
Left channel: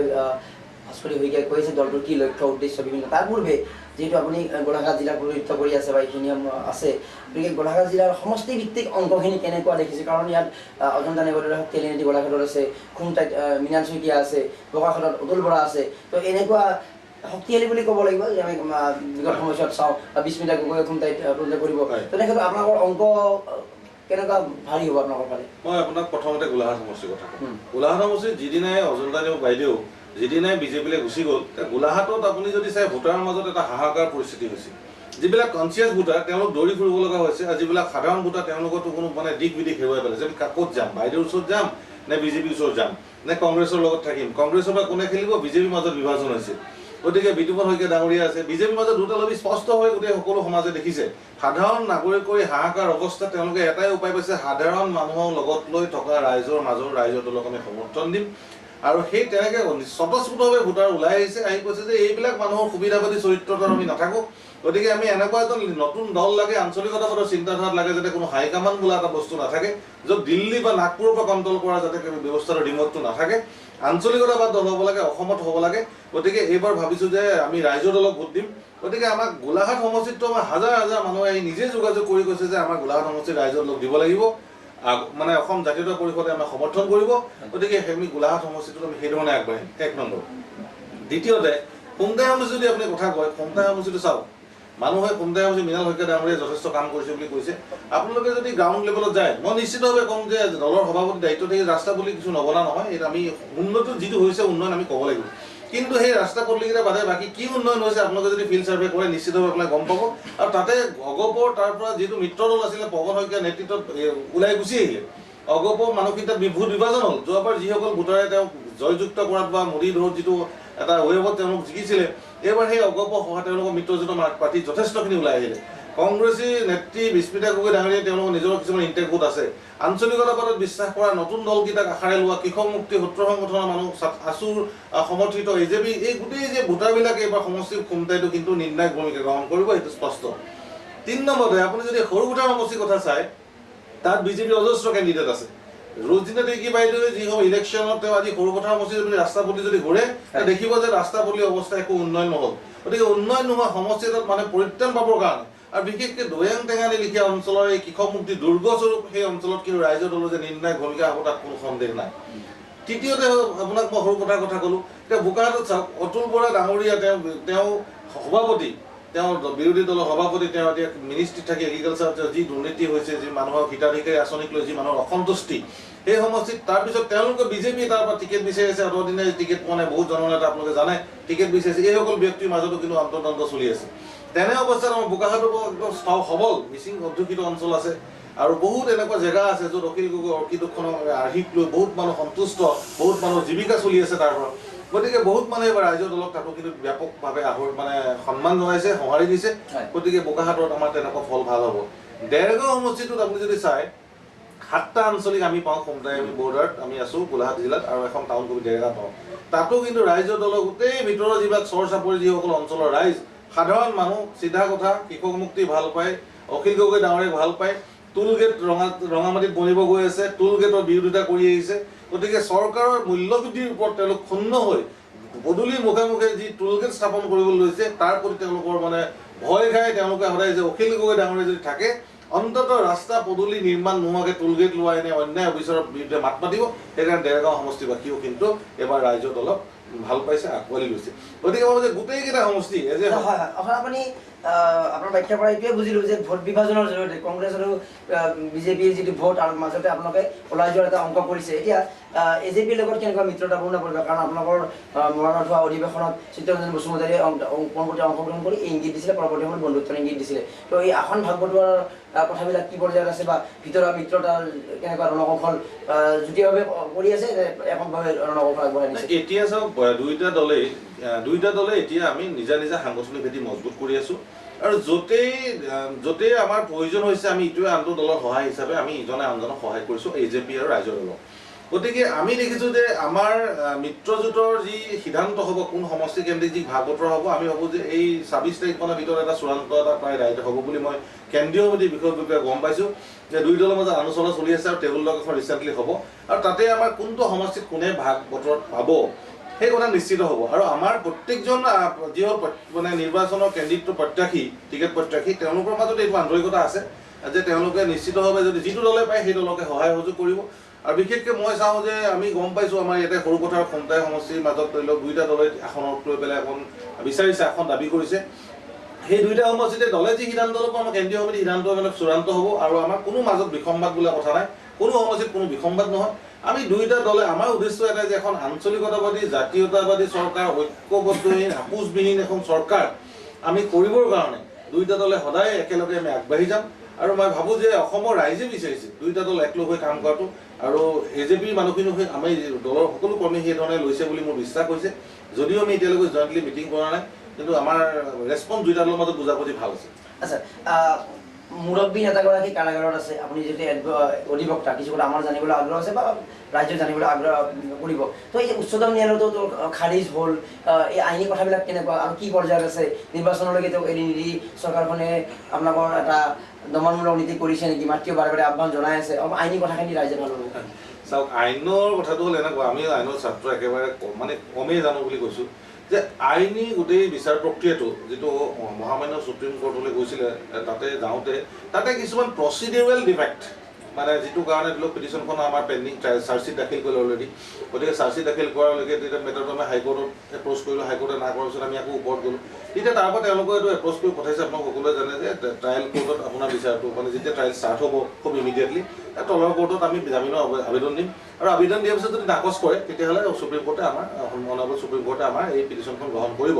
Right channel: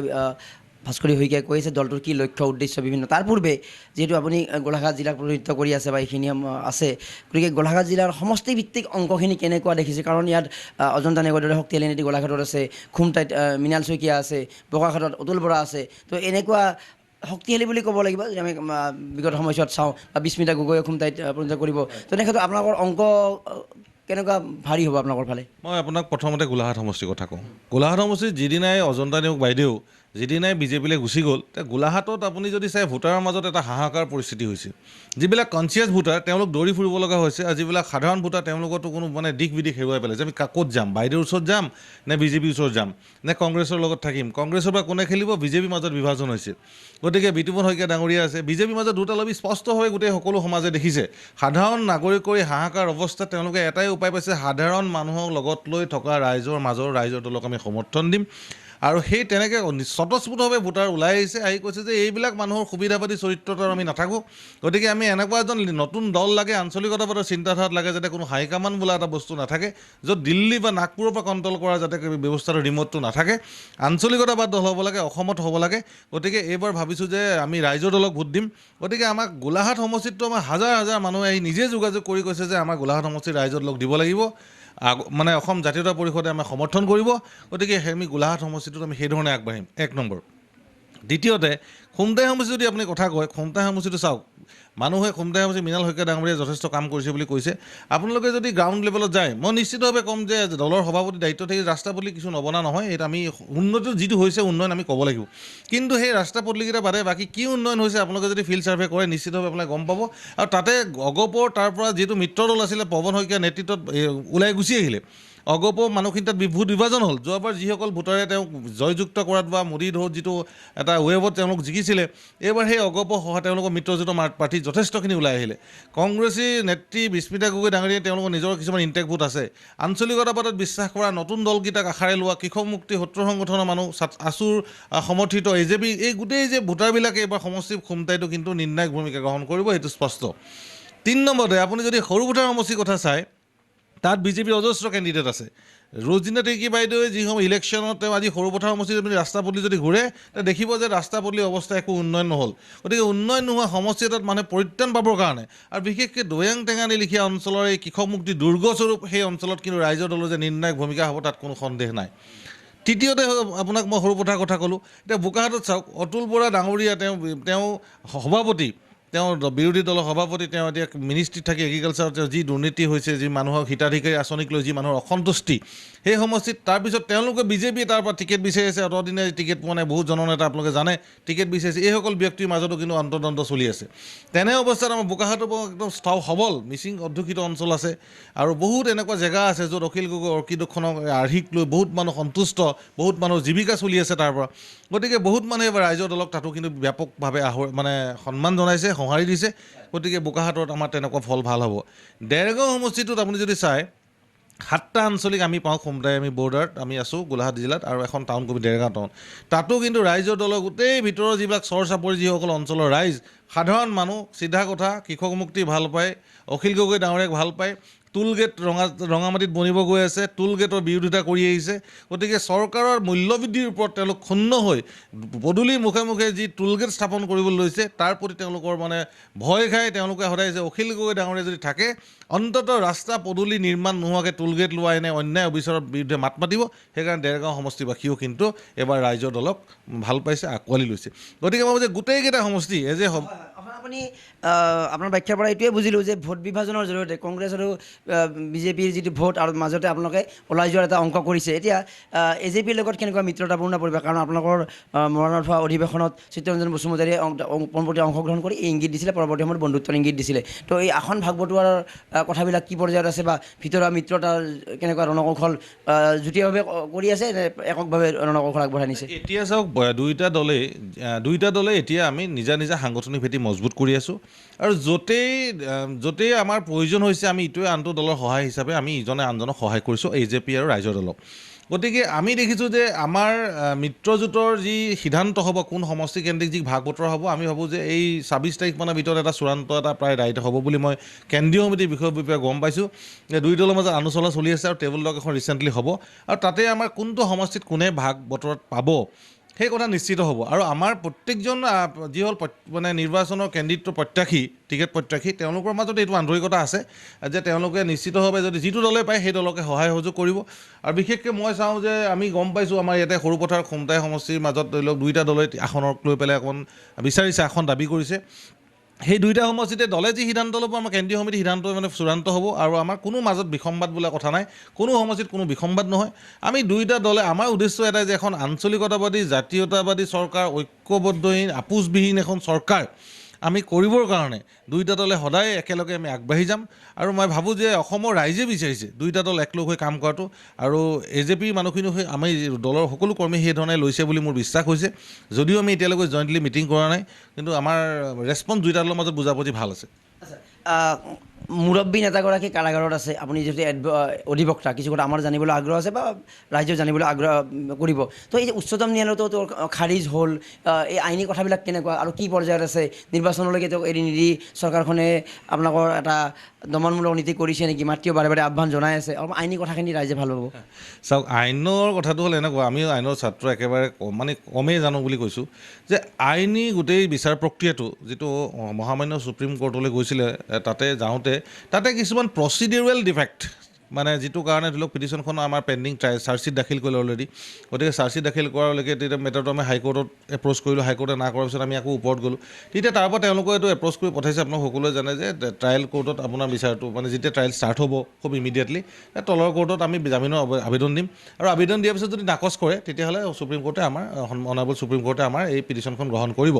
ভাস্কৰী শইকীয়াই কৈছে দলটোৰ কি লক্ষ্য উদ্দেশ্য বিভিন্ন, তাৰ পূৰ্বে যিহেতু আপুনি গোলাঘাট জিলাক প্ৰতিনিধিত্ব কৰি আছে বা এইখিনি আছে, গতিকে গোলাঘাট জিলাৰ সমষ্টিভিত্তিক অংকখিনি কেনেকুৱা দেখিছে? কাৰণ ইয়াত অজন্তা নেওগৰ শক্তিশালী নীতি গোলাঘাটত আছে, খুমটাইত মৃণাল শইকীয়া আছে, বোকাখাটত অতুল বৰা আছে, তো এনেকুৱা শক্তিশালী বুলি ক'ব লাগিব যে আমি বিগত সময়ছোৱাত চাওঁ বা বিস্মিতা গগৈ খুমটাইত প্ৰতিনিধিত্ব কৰিব, তেনেক্ষেত্ৰত আপোনালোকৰ অংক কেনেকুৱা ভাৰী হ'ব আপোনালোকৰ ফালে? মই আপোনাক প্ৰথমতে গোলাঘাট সমষ্টিৰ কথা কওঁ। গোলাঘাট সমষ্টিত যিদিনাই অজন্তা নেওগ বাইদেউ যিদিনাই বিজেপিলৈ গুচি গ'ল, গোলাঘাটত আপুনি যদি চাই ভোটাৰৰ মাজত এটা হাহাকাৰ পৰিস্থিতি হৈছে। যিবিলাক কনচিয়াছ ভোটাৰ তেওঁলোক দৌৰি ফুৰিব লগা হৈছে, আৰু যিবিলাক সাধাৰণ ভোটাৰ তেওঁলোকতো কোনো মানে দিশ বিদিশ হেৰুৱাই পেলাইছে। আমি ক'ত যাম? বাইদেউৰ ওচৰত যাম নে বিজেপিৰ ওচৰত যাম নে কংগ্ৰেছৰ লগত থাকিম? কংগ্ৰেছৰ পৰা কোনে খেলিব? বিজেপিৰ মাজত বিভাজন হৈছে। গতিকে বিতুপন শইকীয়া ডাঙৰীয়া আছে, বিজেপিৰ মাজত দুটা লবি স্পষ্টভাৱে গোটেই সকলো সমাজে দেখিছে। সাধাৰণ নাগৰিকৰ হাহাকাৰ অৱস্থাত তেওঁলোকে এটাই উপায় পাইছে, সাধাৰণ মানুহক লগত লৈ থকা ৰাইজৰ মাজৰ ৰাইজৰ দলক আমি সমৰ্থন দিম। আৰু সেই তেনেকৈ স্বতঃস্ফূৰ্তভাৱে ভোটাৰ ওলাই আহিছে, আহি কৈছে যে এইবিলাক মানুহৰ সুবিধাবাদী চৰিত্ৰটো আমি নাথাকোঁ, গতিকে আমি এনেকুৱা এজন নতুন দল লাগে, আঞ্চলিকতাবাদৰ চিন্তাধাৰাত লাগে, যাতে কোনো হাইকামাণ্ড বোলা এটা বস্তু নাথাকে, য'ত দিল্লী বা নাগপুৰৰ পৰা কণ্ট্ৰল কৰা যাতে ব্যৱস্থাৰ ৰিম'টটো নাথাকে, আঞ্চলিকতাবাদ দল হ'ব লাগে, অসমত হ'ব লাগে। গতিকে এইবাৰ ভাবিছোঁ যে আমি ৰাইজৰ দলক ভোট দিম। গতিকে আমাক গোলাঘাট সমষ্টিতটো আমাৰ হাজাৰ হাজাৰ মানুহে আহি নিজে যোগাযোগ কৰি কৈছে যে আমাৰ গোলাঘাট সমষ্টিত ৰাইজৰ লগ দিব লাগিব, মানে অসম জাতীয়তা পৰিষদে আমাক সমৰ্থন কৰিব। গতিকে আমি গোলাঘাট সমষ্টিটোত আমি সেইধৰণে আগবাঢ়িম, এক নম্বৰ। দ্বিতীয়তে খুমটাই সমষ্টি যদি আপুনি কথা কয়, খুমটাই সমষ্টিটো চাওক, মানুহে খুমটাই সমষ্টি মৃণাল শইকীয়া ডাঙৰীয়াই যথেষ্ট কাম কৰিছে বুলি কৈছে। আপোনালোকে যদি গ্ৰাউণ্ড লেভেলত যায়, মই নিশ্চিতভাৱে ক'ম যে দলৰ সভাপতি দায়িত্ব থাকি ৰাস্তা পদূলি কিছু নবনা নহয়, এইটো আমি উন্নতি যিটো হৈছে উন্নয়ন আমি ক'ব লাগিব। কিন্তু সেই ৰাস্তা পদূলিকেইটা বাদে বাকী কি উন্নয়ন হৈছে আপোনালোকে যদি ফিল্ড ছাৰ্ভে কৰে নিশ্চিতভাৱে আপোনালোকে গম পাব। আৰু তাতে অগপৰ তাৰ পৰা যিটো মিত্ৰ দল আছিলে পৱন শইকীয়াৰ নেতৃত্বত ওলাই গুচি আহিলে, অগপ মানুহখিনি তাত ভোট বিভাজন হ'ল যোৱাবাৰ যিসকল ভোটাৰে তেওঁক জয়যুক্ত কৰাত বা মোদী ধৰ যিটো এটা ৱেবত তেওঁলোক জিকিছিলে এইবাৰ সেই অগপ সহায় তেওঁলোকৰ মিত্ৰজোঁট প্ৰাৰ্থী যথেষ্টখিনি ওলাই আহিলে কংগ্ৰেছী নেত্ৰী বিস্মিতা গগৈ ডাঙৰীয়াই তেওঁলোকৰ নিজৰ কিছুমান ইণ্টেক ভোট আছে আঞ্চলিকতাবাদত বিশ্বাস কৰা নতুন দলকেইটাক আশাৰে লোৱা কৃষক মুক্তি সত্ৰ সংগঠনৰ মানুহ আছুৰ সমৰ্থিত AJP এই গোটেই যে ভোটাৰবিলাকে এইবাৰ সমষ্টিৰ খুমটাইটো কিন্তু নিৰ্ণায়ক ভূমিকা গ্ৰহণ কৰিব সেইটো স্পষ্ট 3 নম্বৰতে আপুনি যদি সৰু ভোটাৰ সমষ্টিৰ কথা চায় তাত বিজেপিৰ অজস্ৰ কেণ্ডিডেট আছে ৰোজিনা টেকি বাইদেৱে যিসমূহ ইলেকশ্যনত তেওঁ আজি সৰু ভোটাৰ সমষ্টিত যদি ৰাস্তা পদূলি যদি ঘূৰে দেখিব যে ৰাস্তা পদূলি অৱস্থা একো উন্নয়ন নহ'ল গতিকে উন্নয়ন নোহোৱা সমষ্টি এটাত মানে পৰিত্ৰাণ পাবৰ কাৰণে আৰু বিশেষকৈ দৈয়াং টেঙানী লিখীয়া অঞ্চলৰ এই কৃষক মুক্তি দুৰ্গস্বৰূপ সেই অঞ্চলত কিন্তু ৰাইজৰ দলৰ যে নিৰ্ণায়ক ভূমিকা হ'ব তাত কোনো সন্দেহ নাই তৃতীয়তে আপোনাক মই সৰু ভোটাৰ কথা ক'লোঁ এতিয়া বোকাখাটত চাওক অতুল বৰা ডাঙৰীয়া তেওঁ সভাপতি তেওঁৰ বিৰোধী দলৰ সভাপতি তেওঁ এতিয়া মিনিষ্ট্ৰীত থাকি এগ্ৰিকালচাৰত যি দুৰ্নীতি হৈছে যি মানুহৰ হিতাধিকাৰী আঁচনিক লৈ যি মানুহৰ অসন্তুষ্টি সেই সমষ্টিত তাৰপিছত তেওঁলোকে বিজেপিয়ে তাৰ পৰা টিকেট বিচাৰিছে অতদিনে টিকেট পোৱা নাই বহুত জননেতা আপোনালোকে জানে টিকেট বিচাৰিছে এইসকল ব্যক্তিৰ মাজতো কিন্তু অন্তৰ্দ্বন্দ্ব চলি আছে তেনে অৱস্থাত আমাৰ বোকাখাটৰ একদম সবল মিচিং অধ্যুষিত অঞ্চল আছে আৰু বহুত এনেকুৱা জেগা আছে য'ত অখিল গগৈ অৰ্কিডখনক আৰ্হিক লৈ বহুত মানুহ সন্তুষ্ট বহুত মানুহৰ জীৱিকা চলি আছে তাৰ পৰা গতিকে বহুত মানুহে এবাৰ ৰাইজৰ দলক তাতো কিন্তু ব্যাপকভাৱে মানে সন্মান জনাইছে সঁহাৰি দিছে গতিকে বোকাখাটত আমাৰ তেনেকুৱা ফল ভাল হ'ব দেৰগাঁও সমষ্টিটোত আপুনি যদি চায় 7টা আঞ্চলিক আমি পাওঁ খুমটাই আমি বৰ্ডাৰত আমি আছোঁ গোলাঘাট জিলাত আৰু এখন টাউন কবি দেৰগাঁও টাউন তাতো কিন্তু ৰাইজৰ দলৰ গোটেই ভিতৰৰ যিবিলাক চৰ চাপৰি যিসকল অঞ্চলৰ ৰাইজ সাধাৰণ মানুহ চিধা কথা কৃষক মুক্তি ভাল পায় অখিল গগৈ ডাঙৰীয়াক ভাল পায় টুল গেট ৰঙামাটিত বনিব গৈ আছে টুল গেটৰ বিৰোধিতা কৰি আহিছে গতিকে চৰকাৰৰ মূল্যবৃদ্ধিৰ ওপৰত তেওঁলোক ক্ষুণ্ণ হৈ পদূলিৰ মুখে মুখে যি টুল গেট স্থাপন কৰিবলৈ লৈছে তাৰ প্ৰতি তেওঁলোকৰ মানে ভয় খাই তেওঁলোকে সদায় যে অখিল গগৈ ডাঙৰীয়া যদি থাকে অন্ততঃ ৰাস্তা পদূলি নিৰ্মাণ নোহোৱাকৈ টুল গেট লোৱা এনে অন্যায় অবিচাৰৰ বিৰুদ্ধে মাত মাতিব সেইকাৰণে দেৰগাঁও সমষ্টিবাসীও কিন্তু এবাৰ ৰাইজৰ দলক ভাল পাইছে আঁকোৱালি লৈছে গতিকে মই যে গোটেইকেইটা সমষ্টি এজে আপুনি আপোনাৰ ব্যাখ্যাৰ পৰা এইটোৱে বুজিলোঁ যে ভোট বিভাজনৰ জৰিয়তে কংগ্ৰেছ আৰু বিজেপিৰ যিটো ভোট আৰু মাজতে আপোনালোকে ওলাই যোৱাৰ এটা অংক কৰিছে এতিয়া AJPৰ লগত কেনেকুৱা মিত্ৰতাপূৰ্ণ পৰিৱেশ কাৰণ আপোনালোকৰ মৰণত হোৱা অধিৱেশনত চিত্তৰঞ্জন বসুমতাৰীয়ে পোনপটীয়া অংশগ্ৰহণ কৰি এই ইংগিত দিছিলে পৰৱৰ্তী সময়ত বন্ধুত্বৰ ইংগিত দিছিলে তো এই আসন ভাগ বটোৱাৰৰ কথাবিলাক কি পৰ্যায়ত আছে বা ভিতৰুৱা মিত্ৰতাৰ কেনেকুৱা ৰণকৌশল যুটীয়াভাৱে কৰি আছে এককভাৱে ৰণকৌশল আগবঢ়াই নিছে এতিয়া চাওক দুইটা দলে এতিয়া আমি নিজা নিজা সাংগঠনিক ভেটি মজবুত কৰি আছোঁ আৰু য'তেই আমাৰ প্ৰয়োজন হৈছে আমি ইটোৱে আনটো দলৰ সহায় হিচাপে আমি ইজনে আনজনক সহায় কৰিছোঁ AJP আৰু ৰাইজৰ দলক গতিকে আমি দেখিছোঁ যে আমাৰ মিত্ৰজোঁটৰ যি সিদ্ধান্ত হ'ব কোন সমষ্টি কেন্দ্ৰিক যি ভাগ বতৰা হ'ব আমি ভাবোঁ যে এই 26 তাৰিখমানৰ ভিতৰত এটা চূড়ান্ত এটা প্ৰায় ৰাইট হ'ব বুলি মই কেন্দ্ৰীয় সমিতিৰ বিষয়ে গম পাইছোঁ যে দুই দলৰ মাজত আলোচনা চলি আছে আৰু টেবুল টক এখন ৰিচেণ্টলি হ'ব আৰু তাতে আমাৰ কোনটো সমষ্টিত কোনে ভাগ বতৰত পাব সেই কথা নিশ্চিত হ'ব আৰু আমাৰ প্ৰত্যেকজন যিসকল মানে নিৰ্বাচনৰ কেন্দ্ৰিত প্ৰত্যাশী টিকেট প্ৰত্যাশী তেওঁলোকৰ মাজত এইটো আন্তৰিকতা আছে যে তেওঁলোকে নিশ্চিতভাৱে যদি যিটো দলে পায় সেই দলকে সহায় সহযোগ কৰিব আৰু বিশেষকৈ মই চাওঁ যে আমি গম পাইছোঁ আমাৰ ইয়াতে সৰুপথাৰ খুমটাই সমষ্টিৰ মাজত ধৰি লওক দুইটা দলে আসনক লৈ পেলাই অকণ বিচাৰিছে আসন দাবী কৰিছে সেই দুইটা সমষ্টিতে দলে যি সিদ্ধান্ত ল'ব আমাৰ কেন্দ্ৰীয় সমিতিৰ সিদ্ধান্ত মানে চূড়ান্ত হ'ব আৰু আমাৰ কোনো মাজত বিসম্বাদ বোলা কথা নাই কোনো সমষ্টিত কোনো বিসম্বাদ নহয় আমি দুইটা দলে আমাৰ উদ্দেশ্য এটাই যে এখন আঞ্চলিকতাবাদী জাতীয়তাবাদী চৰকাৰ ঐক্যবদ্ধহীন আপোচবিহীন এখন চৰকাৰ আমি কৰিবৰ কাৰণে দুইটা দলে সদায় একেলগে আমি আগবাঢ়ি যাম আৰু মই ভাবোঁ যে অসমৰ ৰাইজে বিচাৰিছে দুইটা দল একলগ হৈ কাম কৰাটো আৰু AJPৰ মানুহখিনিও আমি দলৰ সকলো কৰ্মী সেইধৰণে লৈছে বুলি মোৰ বিশ্বাস হৈছে যদিও আমি এতিয়ালৈকে জইণ্টলি মিটিং কৰা নাই কিন্তু আমাৰ ৰেছপন্স দুইটা দলৰ মাজত বুজাবুজি ভাল আছে আচ্ছা মুৰব্বী নেতাগৰাকী কাৰাগাৰত আছে আপুনি যদি অধিবক্তা কিছু কথা আমাৰ জানিবলৈ আগ্ৰহ আছে বা ৰাইজৰ জানিবলৈ আগ্ৰহ কৰিব তো এই যে উচ্চতম ন্যায়ালয়তো খাৰিজ হ'ল এই আইনী কথাবিলাক কেনেকুৱা আৰু কি পৰ্যায়ত আছে নিৰ্বাচনলৈকে তেওঁক এৰি নিদি চৰকাৰখনে আপোনালোকৰ এটা দমনমূলক নীতি কৰিছে নেকি মাতৃও বাৰে বাৰে আহ্বান জনাই আছে অলপ আইনী কথাখিনি ৰাইজে ভাল হ'ব চাওক আইনৰ কথাটো হ'ল এনেকুৱা আমি আইনৰ ছাত্ৰ একেবাৰে মানে কমেই জানো বুলি কৈছোঁ যে আইনী গোটেই বিচাৰ প্ৰক্ৰিয়াটো যিটো মহামান্য সুপ্ৰিম কোৰ্টলৈ গৈছিলে তাতে যাওঁতে তাতে কিছুমান প্ৰচিডিউৰেল ডিফেক্ট মানে যিটো কাৰণে ধৰি লওক পিটিশ্যনখন আমাৰ পেণ্ডিং চাৰ্জশ্বিট দাখিল কৰিলে অলৰেডি গতিকে চাৰ্জশ্বিট দাখিল কৰালৈকে তেতিয়া মেটাৰটো আমি হাইকোৰ্টত এপ্ৰ'চ কৰিলোঁ হাইকোৰ্টে না কৰাৰ পিছত আমি আকৌ ওপৰত গ'লোঁ তেতিয়া তাৰ পৰা তেওঁলোকে এইটো এপ্ৰ'চ কৰি পঠাইছে আপোনালোক সকলোৱে জানে যে ট্ৰায়েল কোৰ্টত আপোনাৰ বিচাৰটো মানে যেতিয়া ট্ৰায়েল ষ্টাৰ্ট হ'ব খুব ইমিডিয়েটলি তলৰ কোৰ্টত আমি জামিনৰ আবেদন দিম আৰু আবেদন দিয়াৰ পিছত যদি নাকচ কৰে তেতিয়াহ'লে সুপ্ৰিম কোৰ্টে আমাৰ অনাৰেবল সুপ্ৰিম কোৰ্টে আমাৰ এই পিটিশ্যনখন গ্ৰহণ কৰিব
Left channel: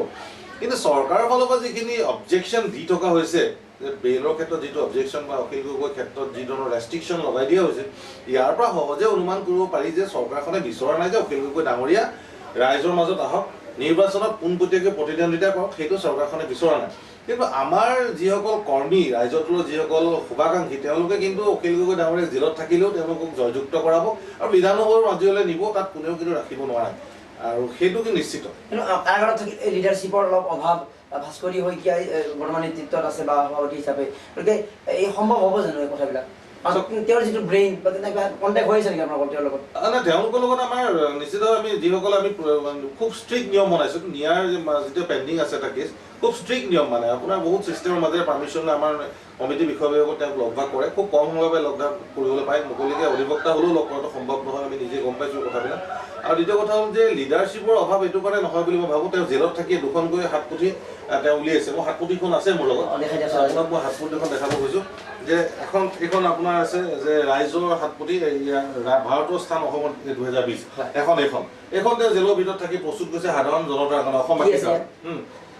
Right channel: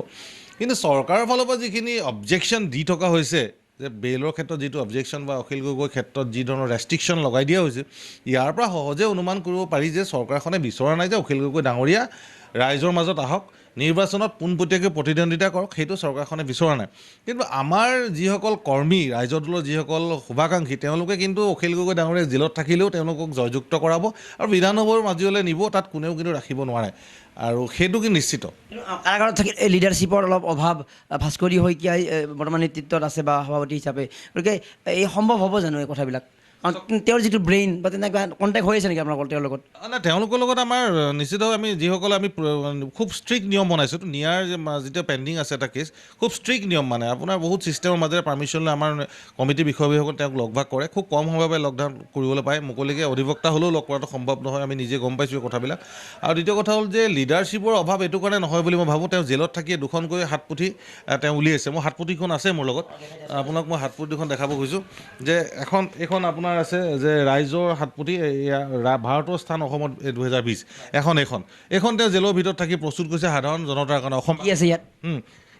কিন্তু চৰকাৰৰ ফালৰ পৰা যিখিনি অবজেকশ্যন দি থকা হৈছে যে বেইলৰ ক্ষেত্ৰত যিটো অবজেকশ্যন বা অখিল গগৈৰ ক্ষেত্ৰত যি ধৰণৰ ৰেষ্ট্ৰিকশ্যন লগাই দিয়া হৈছে, ইয়াৰ পৰা সহজে অনুমান কৰিব পাৰি যে চৰকাৰখনে বিচৰা নাই যে অখিল গগৈ ডাঙৰীয়া ৰাইজৰ মাজত আহক, নিৰ্বাচনত পোনপটীয়াকৈ প্ৰতিদ্বন্দ্বিতা কৰক, সেইটো চৰকাৰখনে বিচৰা নাই। কিন্তু আমাৰ যিসকল কৰ্মী, ৰাইজৰ দলৰ যিসকল শুভাকাংক্ষী, তেওঁলোকে কিন্তু অখিল গগৈ ডাঙৰীয়াক জেলত থাকিলেও তেওঁলোকক জয়যুক্ত কৰাব আৰু বিধানসভাৰ মাজলৈ নিব, তাত কোনেও কিন্তু ৰাখিব নোৱাৰে, আৰু সেইটো কি নিশ্চিত। কিন্তু কাৰাগাৰত থাকিলে লিডাৰশ্বিপৰ অলপ অভাৱ, ভাস্কৰী শইকীয়াই বৰ্তমান নেতৃত্বত আছে বা সভাপতি হিচাপে, গতিকে এই সম্ভৱ হ'ব জানো এই কথাবিলাক? তেওঁৰ যিটো ব্ৰেইন বা তেনেকুৱা কণ্টেক্ট হৈ আছে নেকি আপোনালোকৰ তেওঁৰ লগত? নাই, তেওঁলোকৰ লগত আমাৰ নিশ্চিতভাৱে আমি যিসকলে আমি খুব ষ্ট্ৰিক্ট নিয়ম বনাইছোঁ। নিয়াৰ যিটো পেণ্ডিং আছে এটা কেছ, খুব ষ্ট্ৰিক্ট নিয়ম মানে আপোনাৰ বহুত ছিষ্টেমৰ মাজেৰে পাৰ্মিশ্যন লৈ আমাৰ কমিটি বিষয়সকলে তেওঁক লগ ভাগ কৰে, খুব কম সময়ৰ পৰা লকডাউন কৰিবলৈ পায়, মুকলিকৈ অধিবক্তা হ'লেও লগ কৰাটো সম্ভৱ নহয়, আমি নিজে গম পাইছোঁ কথাবিলাক। আৰু দ্বিতীয় কথা হ'ল যে লিডাৰশ্বিপৰ অভাৱ এইটো কাৰণে নহয় বুলি মই ভাবোঁ। তেওঁ জেলত থাকি দুখনকৈ হাতপুথি তেওঁ উলিয়াইছে, মোৰ হাতপুথিখন আছে মোৰ লগত, আপোনাক মই হাতপুথিখন দেখাব খুজিছোঁ যে এইখন আপোনাৰ আছে যে ৰাইজৰ হাতপুথি, ভাৰতৰ স্থান অসমত 2020, এইখন তেওঁ জেলৰ ভিতৰত থাকি প্ৰস্তুত কৰিছে সাধাৰণ জনতাৰ কাৰণে। অসম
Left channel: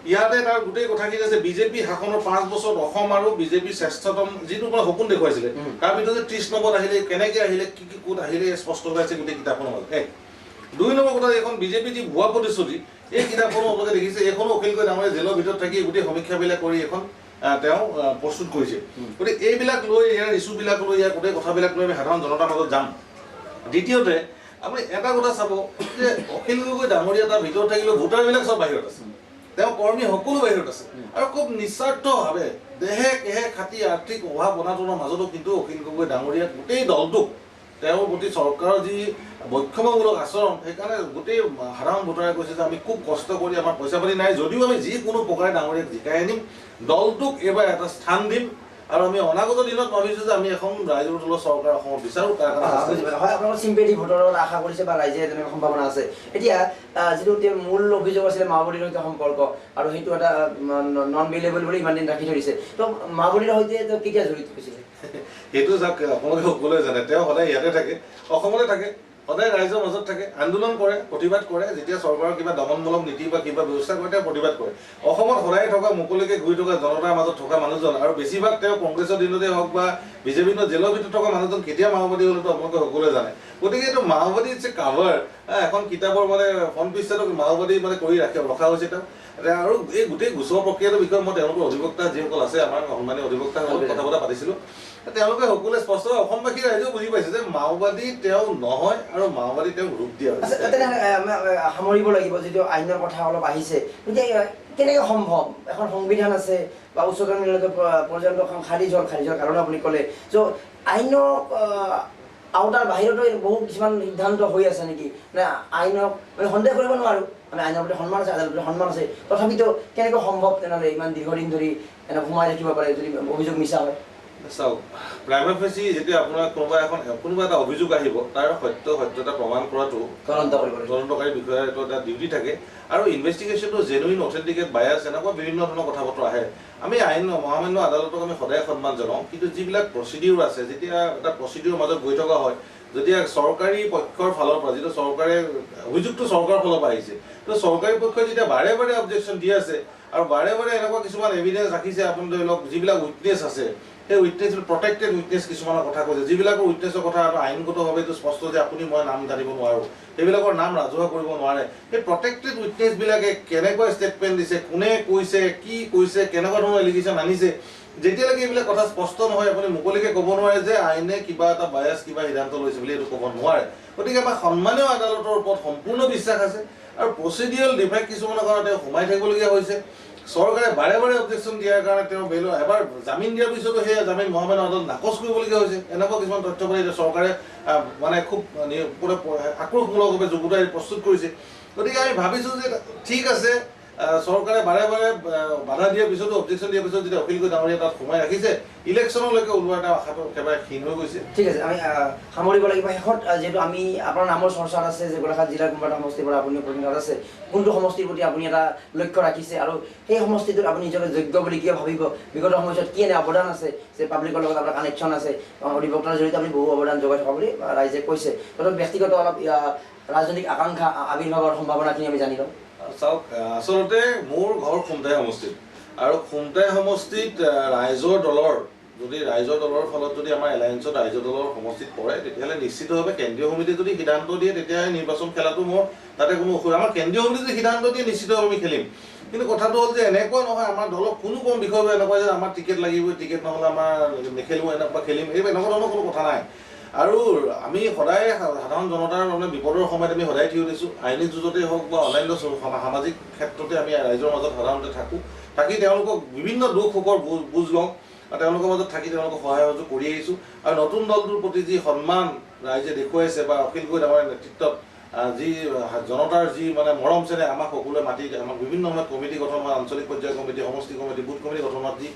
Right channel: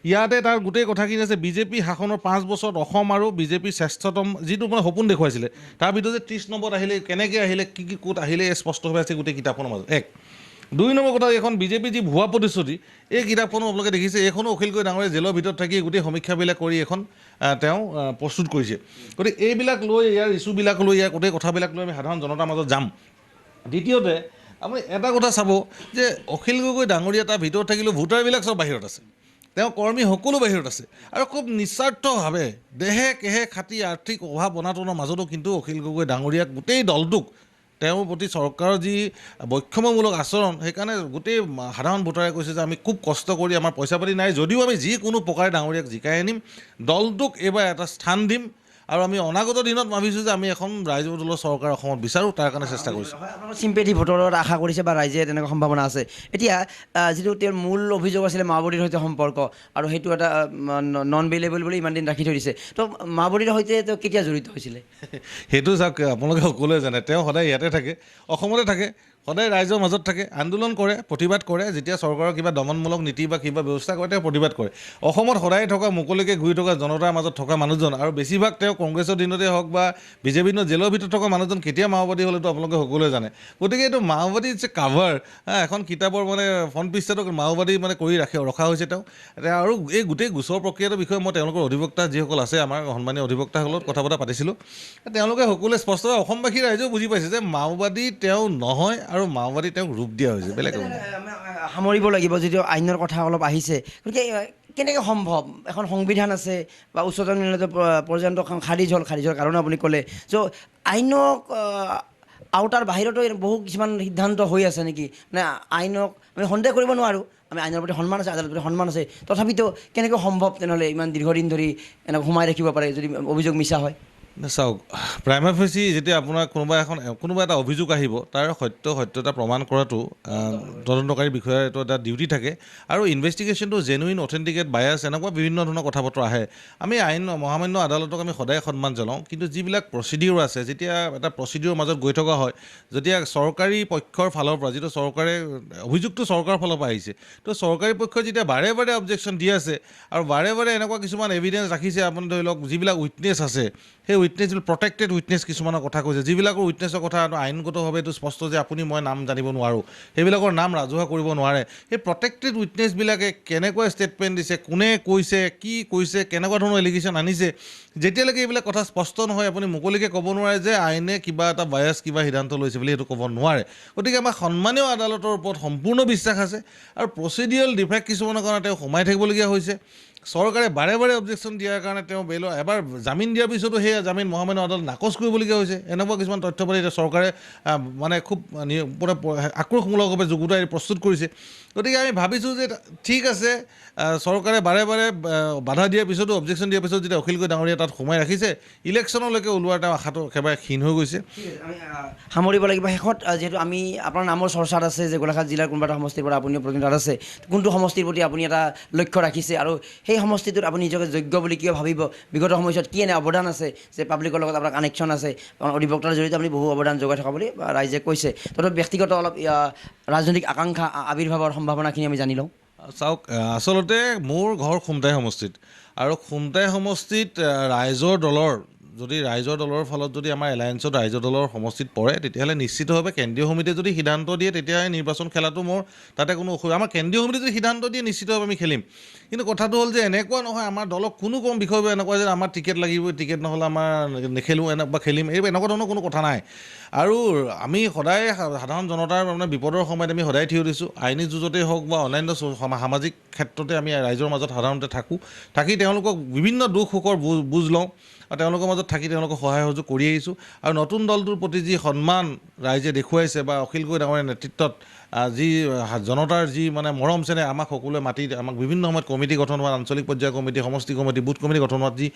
ইয়াতে তাৰ গোটেই কথাখিনি আছে, বিজেপি শাসনৰ 5 বছৰত অসম আৰু বিজেপিৰ শ্ৰেষ্ঠতম যিটো মানে সপোন দেখুৱাইছিলে, তাৰ ভিতৰত 30 নম্বৰত আহিলে, কেনেকৈ আহিলে, কি ক'ত আহিলে, স্পষ্ট হৈ আছে গোটেই কিতাপখনৰ মাজত। 1 2 নম্বৰ কথা, এইখন বিজেপি যি ভুৱা প্ৰতিশ্ৰুতি, এই কিতাপখনো আপোনালোকে দেখিছে, এইখনো অখিল গগৈ ডাঙৰীয়া জেলৰ ভিতৰত থাকি গোটেই সমীক্ষাবিলাক কৰি এখন তেওঁ প্ৰস্তুত কৰিছে। গতিকে এইবিলাক লৈ, ইয়াৰ ইছ্যুবিলাক লৈ, ইয়াৰ গোটেই কথাবিলাক লৈ আমি সাধাৰণ জনতাৰ মাজত যাম। দ্বিতীয়তে আপুনি এটা কথা চাব যে অখিল গগৈ ডাঙৰীয়া তাৰ ভিতৰত থাকিলেও ভোটাৰবিলাক চব বাহিৰত আছে, তেওঁ কৰ্মী সকলো বাহিৰত আছে, আৰু খুব নিস্বাৰ্থভাৱে দেহে কেহে খাটি আৰ্থিক অভাৱ অনাটনৰ মাজতো কিন্তু অখিল গগৈ ডাঙৰীয়াক গোটেই দলটোক তেওঁৰ প্ৰতি চৰকাৰৰ যি বৈষম্যমূলক আচৰণ, সেইকাৰণে গোটেই সাধাৰণ ভোটাৰে কৈছে যে আমি খুব কষ্ট কৰি আমাৰ পইচা পাতি নাই যদিও আমি যিকোনো প্ৰকাৰে ডাঙৰীয়াক জিকাই আনিম, দলটোক এইবাৰ এটা স্থান দিম, আৰু আমি অনাগত দিনত ভাবিছোঁ যে আমি এখন ৰাইজৰ দলৰ চৰকাৰ অসমত বিচাৰোঁ, তাৰ কাৰণে চেষ্টা কৰিছোঁ। হয়, আপোনালোকৰ চিম্পেথি ভোটৰত আশা কৰিছে বা ৰাইজে তেনেকুৱা সম্ভাৱনা আছে। এতিয়া যিটো তেওঁৰ মূল অভিযোগ আছিলে মাওবাদীৰ সৈতে সম্পৰ্ক, আৰু সেইটো এটা নন বেইলেবল বুলি ইমান দিন ৰাখি থৈ দিছে, তো মাওবাদীৰ সৈতে তেওঁ কেতিয়া জড়িত হৈছিলে? সেইটো চাওক, আপোনালোকে সকলোৱে জানে তেওঁ সদায় ইয়াতে থাকে, অসমতে থাকে, সদায় ৰাইজৰ মাজত থাকে, আন্দোলন কৰে, প্ৰতিবাদ কৰে, যেতিয়া চৰকাৰৰ কিবা দমনমূলক নীতি বা কিবা ব্যৱস্থা কৰে তেওঁ প্ৰতিবাদ কৰে। অসমত সদায় থকা, মুকলিকৈ ঘূৰি থকা, জনতাৰ মাজত থকা মানুহজন, আৰু বেছিভাগ তেওঁ কংগ্ৰেছৰ দিনতে হওক বা বিজেপিৰ দিনত জেলৰ ভিতৰত থকা মানুহজন কেতিয়া মাওবাদী হ'লেতো আপোনালোকে সকলোৱে জানে। গতিকে এইটো মাওবাদী যে কাভাৰ, এখন কিতাপৰ মানে ফ্ৰণ্ট পেজত মাওবাদী মানে কৰি ৰখা হৈছে তেওঁ। আৰু এই গোটেই গোচৰ প্ৰক্ৰিয়াটোৰ বিষয়ে মই তেওঁলোকৰ অধিবক্তা যিসকল আছে, আমাৰ সন্মানীয় অধিবক্তাসকলক কথা বতৰা পাতিছিলোঁ, তেওঁলোকে সকলোৱে স্পষ্টভাৱে অসমবাসী ৰাইজেও বুজি পাইছে যে মাওবাদী তেওঁ নহয়, আৰু মাওবাদী তেওঁক ৰূপ দিয়া হৈছে। সামৰিব লাগিব, যিটো আইনৰ কথা অলপ আহিছে, গতিকে কেনেকৈ সম্ভৱ? এখন সংবিধান আছে বা উচ্চতম ন্যায়ালয়ত পৰ্যন্ত খাৰিজ হ'ল কাৰণ আপুনি ক'লে, চ' আইনক আওতাৰ বাহিৰতো বহু কিছুমান সিদ্ধান্ত হৈ আছে নেকি? মানে আইনক মানে সন্দেহ কৰিব নোৱাৰোঁ, আমি আইনৰ প্ৰতি সন্মান আছে, আদালতৰ প্ৰতি সন্মান আছে, তথাপিতো কেনেকৈ সম্ভৱ তেনেহ'লে ইমান দীৰ্ঘদিন ধৰি এনেকৈ সোমাই ৰাখিব পাৰে যদি অভিযোগ মিছা হয়? চাওক, প্ৰাইমাৰী ফেচি যেতিয়া আপোনাৰ কোনোবা এটা অভিযোগ আহিব, তাৰ সত্যতা প্ৰমাণ কৰাটো তদন্তকাৰী বিষয়াৰ এইটো এটা ডিউটি থাকে, আৰু ইনভেষ্টিগেশ্যনটো জেনুইন, অথেণ্টিকেট, বায়াছ, এনেকুৱা বিভিন্ন ধৰণৰ কথা বতৰা আহে। আমি মহামান্য আদালতক আমি সদায় সন্মান জনাওঁ, কিন্তু যিবিলাক প্ৰচিডিউৰ আছে, যেতিয়া এটা প্ৰচিডিউৰৰ মাজত গৈ থকা হয়, যেতিয়া চৰকাৰী পক্ষৰ ফালৰ পৰা, যিটো চৰকাৰে অভিযোগটো চৰকাৰৰ ফালৰ পৰা আহিছে, তো চৰকাৰী পক্ষই যেতিয়া বাৰে বাৰে অবজেকশ্যন দি আছে, আৰু বাৰে বাৰে এনেকুৱা কিছুমান এভিডেঞ্চ ৰাখিছে, আপুনি ধৰি লওক যিবিলাক উইটনেছ আছে, সেই উইটনেছ প্ৰটেক্টেড উইটনেছ কিছুমানৰ কথা কৈছে, যিবিলাকৰ উইটনেছৰ কথা আইনগতভাৱে এইটো স্পষ্ট যে আপুনি মই নাম জানিব নোৱাৰোঁ, সেইবিলাকৰ নাম ৰাজহুৱা কৰিব নোৱাৰে। সেই প্ৰটেক্টেড উইটনেছবিলাকে কেনেকৈ ষ্টেটমেণ্ট দিছে, কোনে কৈছে, কি কৈছে, কেনেকুৱা ধৰণৰ এলিগেশ্যন আনিছে, যেতিয়ালৈকে এইবিলাক কথা স্পষ্ট নহয়, আপুনি মুকলিকৈ ক'ব নোৱাৰে যে আইনে কিবা এটা বায়াছ কিবা সিদ্ধান্ত লৈছে বুলি সেইটো ক'ব নোৱাৰে। গতিকে আমাৰ সন্মানীয় আদালতৰ ওপৰত সম্পূৰ্ণ বিশ্বাস আছে, আৰু প্ৰচিডিউৰেল ডিফেক্ট কিছুমানৰ কাৰণে তেওঁ সোমাই থাকিবলগীয়া হৈছে। চৰকাৰে বাৰে বাৰে অবজেকশ্যন দিয়াৰ কাৰণে তেওঁ বেইলৰ এবাৰ জামিন দিয়াৰ পিছতো সেই জামিন মহামান্য আদালত নাকচ কৰিবলগীয়া হৈছে। এনেকুৱা কিছুমান তথ্য পাতি চৰকাৰে মানে খুব আক্ৰোশমূলকভাৱে যুগুতাই প্ৰস্তুত কৰিছে। গতিকে আমি ভাবিছোঁ যে ঠিক আছে, চৰকাৰে বাৰে বাৰে বাধা দিয়াৰ পিছতো, অবজেকশ্যন দিয়াৰ পিছত যেতিয়া অখিল গগৈ ডাঙৰীয়া তাত সোমাই ৰাখিছে, ইলেকশ্যনলৈকে ওলোৱাৰ তেওঁ আশাটো একেবাৰে ক্ষীণ হৈ গৈছে। ঠিক আছে, আমি সামৰিব লাগিব। শেষত যিহেতু আমি আপোনাৰ নামৰ চৰ্চাত আছে যে গোলাঘাট জিলাৰ কোনোবা এটা সমষ্টিৰ পৰা আপুনি প্ৰতিনিধিত্ব আছে, কোনটো সমষ্টিৰ প্ৰতি আপুনি এটা লক্ষ্য ৰাখিছে, আৰু সেই সমষ্টিটোত আপুনি নিজকে যোগ্য বুলি কিয় ভাবিব, বিগত সময়ছোৱাত কি এনে অৱদান আছে যে পাব্লিকৰ লগত আপোনাৰ কানেকশ্যন আছে, অধিবক্তাৰ জৰিয়তে আপুনি বহু অৱদান যোগাই থকা বুলি ৰাইজে কৈছে, তথাপি ব্যক্তিগত অলপ ৰাজনৈতিক আকাংক্ষা আৱিৰ্ভাৱৰ সম্ভাৱনাখিনি আমি জানি লওঁ। চাওক, আচলতে মোৰ ঘৰ খুমটাই সমষ্টিত, আৰু খুমটাই সমষ্টিত ৰাইজৰ দলৰ যদি ৰাইজৰ দলৰ ফলত যদি আমাৰ এলায়েন্সত ৰাইজৰ দলৰ সমষ্টিত পৰে তেতিয়াহ'লে নিশ্চিতভাৱে কেন্দ্ৰীয় সমিতিয়ে যদি সিদ্ধান্ত দিয়ে তেতিয়াহে নিৰ্বাচন খেলাটো মোৰ তাতে কোনো অসুবিধা আমাৰ কেন্দ্ৰীয় সমিতি যদি সিদ্ধান্ত দিয়ে নিশ্চিতভাৱে আমি খেলিম কিন্তু কথাটো হ'ল যে এনেকুৱা নহয় আমাৰ দলক কোনো কম বিষয় এনেকুৱা যে আমাৰ টিকেট লাগিবই টিকেট নহ'লে আমাৰ নেখেলোঁ বা খেলিম এই এনেকুৱা ধৰণৰ কোনো কথা নাই আৰু আমি সদায় সাধাৰণ জনতাৰ মানে বিপদৰ সময়ত আমি সদায় থিয় দিছোঁ আইনী যুঁজতেই হওক বা অন্যান্য সামাজিক ক্ষেত্ৰতে আমি ৰাইজৰ মাজত সাধাৰণতে থাকি তেওঁলোকক বিভিন্ন দুখ সুখৰ বুজ লওঁ আৰু তেওঁলোকৰ মাজত থাকি তেওঁলোকক সহায় সহযোগ কৰি আহিছোঁ আৰু নতুন দলটোৰ প্ৰতি যি সন্মান ৰাইজে দেখুৱাইছে বা অখিল গগৈ ডাঙৰীয়াৰ নেতৃত্বত যি জনতাৰ যি মানে মৰম চেনেহ আমাক সকলোৱে মাতি আমাক বিভিন্ন সময়ত কমিটি গঠন হোৱা আঞ্চলিক পৰ্যায়ৰ কমিটি সমষ্টি কমিটি বুথ কমিটি গঠন হোৱাত যি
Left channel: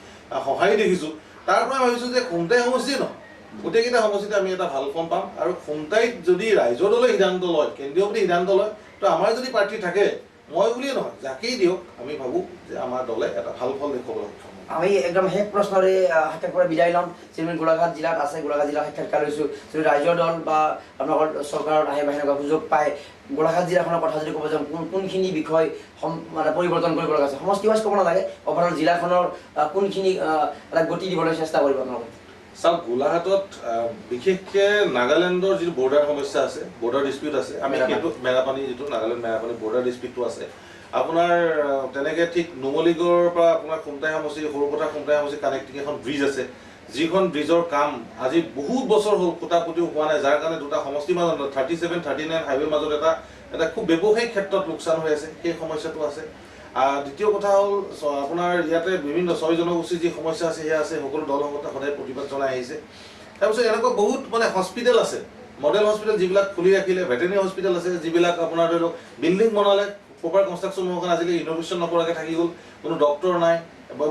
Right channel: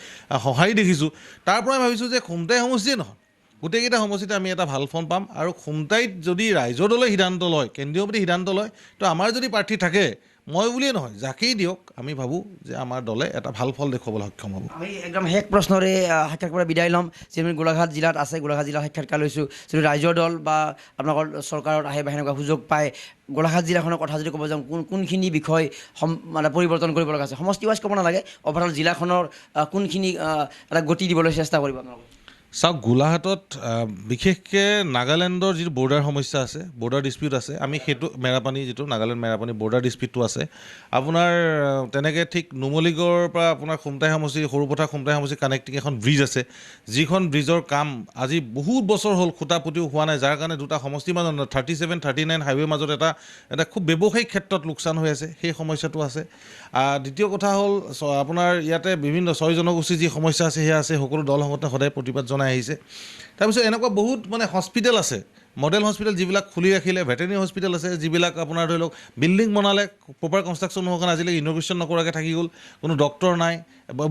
সঁহাৰি দেখিছোঁ তাৰ পৰা ভাবিছোঁ যে খুমটাই সমষ্টিয়ে নহয় গোটেইকেইটা সমষ্টিতে আমি এটা ভাল ফল পাম আৰু খুমটাইত যদি ৰাইজৰ দলে সিদ্ধান্ত লয় কেন্দ্ৰীয় সমিতি সিদ্ধান্ত লয় তো আমাৰ যদি প্ৰাৰ্থী থাকে মই বুলিয়ে নহয় যাকেই দিয়ক আমি ভাবোঁ যে আমাৰ দলে এটা ভাল ফল দেখুৱাবলৈ সক্ষম হ'ম আমি একদম শেষ প্ৰশ্নৰে সাক্ষাৎ পৰা বিদায় ল'ম যিহেতু গোলাঘাট জিলাত আছে গোলাঘাট জিলাৰ সাক্ষাৎকাৰ লৈছোঁ যদি ৰাইজৰ দল বা আপোনালোকৰ চৰকাৰত আহে বা সেনেকুৱা সুযোগ পায় গোলাঘাট জিলাখনৰ কথা যদি ক'ব যাওঁ কোনখিনি বিষয় মানে পৰিৱৰ্তন কৰিব লগা আছে সমষ্টি ৱাইজ ক'ব নালাগে অভাৰঅল জিলাখনৰ কোনখিনি এটা গতি দিবলৈ চেষ্টা কৰিব আপোনালোকে চাওক গোলাঘাটত বিশেষকৈ নাগালেণ্ডৰ যিটো বৰ্ডাৰ সমস্যা আছে বৰ্ডাৰ ডিস্পিউট আছে আমি সেইটো মেৰাপানী যিটো নাগালেণ্ড মেৰাপানী বৰ্ডাৰ ডিস্পিউটটো আছে আপোনাৰ তেনেকৈ ঠিক নুমলীগড়ৰ পৰা আপোনাৰ খুমটাই সমষ্টি সৰুপথাৰ খুমটাই সমষ্টি কানেক্টিং এখন ব্ৰিজ আছে যিখন ব্ৰিজৰ কাম আজি বহুত বছৰ হ'ল খুটা পুতিও হোৱা নাই যাৰ কাৰণে দুটা সমষ্টিৰ মাজত 37, 39 হাইৱেৰ মাজত এটা খুব ব্যৱসায়িক ক্ষেত্ৰত লোকচান হৈ আছে সেই সমস্যাটো আছে দ্বিতীয় কথা হ'ল আপোনাৰ ইয়াতে বিভিন্ন 6 জনগোষ্ঠীৰ যি সমস্যা আছে সেয়া আছে সকলো দল সংগঠনে সদায় প্ৰতিবাদ জনাই আহিছে তাৰপিছত এনেকুৱা বহুত মানে হস্পিটেল আছে মডেল হস্পিটেল যিবিলাক খুলি ৰাখিলে ভেটেৰিনেৰী হস্পিটেল আছে যিবিলাক আপোনাৰ ধৰি লওক বিল্ডিং বনালে প্ৰপাৰ কনষ্ট্ৰাকশ্যন নোহোৱা আজিলৈ ইন'ভেশ্যন নকৰাকৈ থাকি গ'ল কোনো ডক্টৰ নাই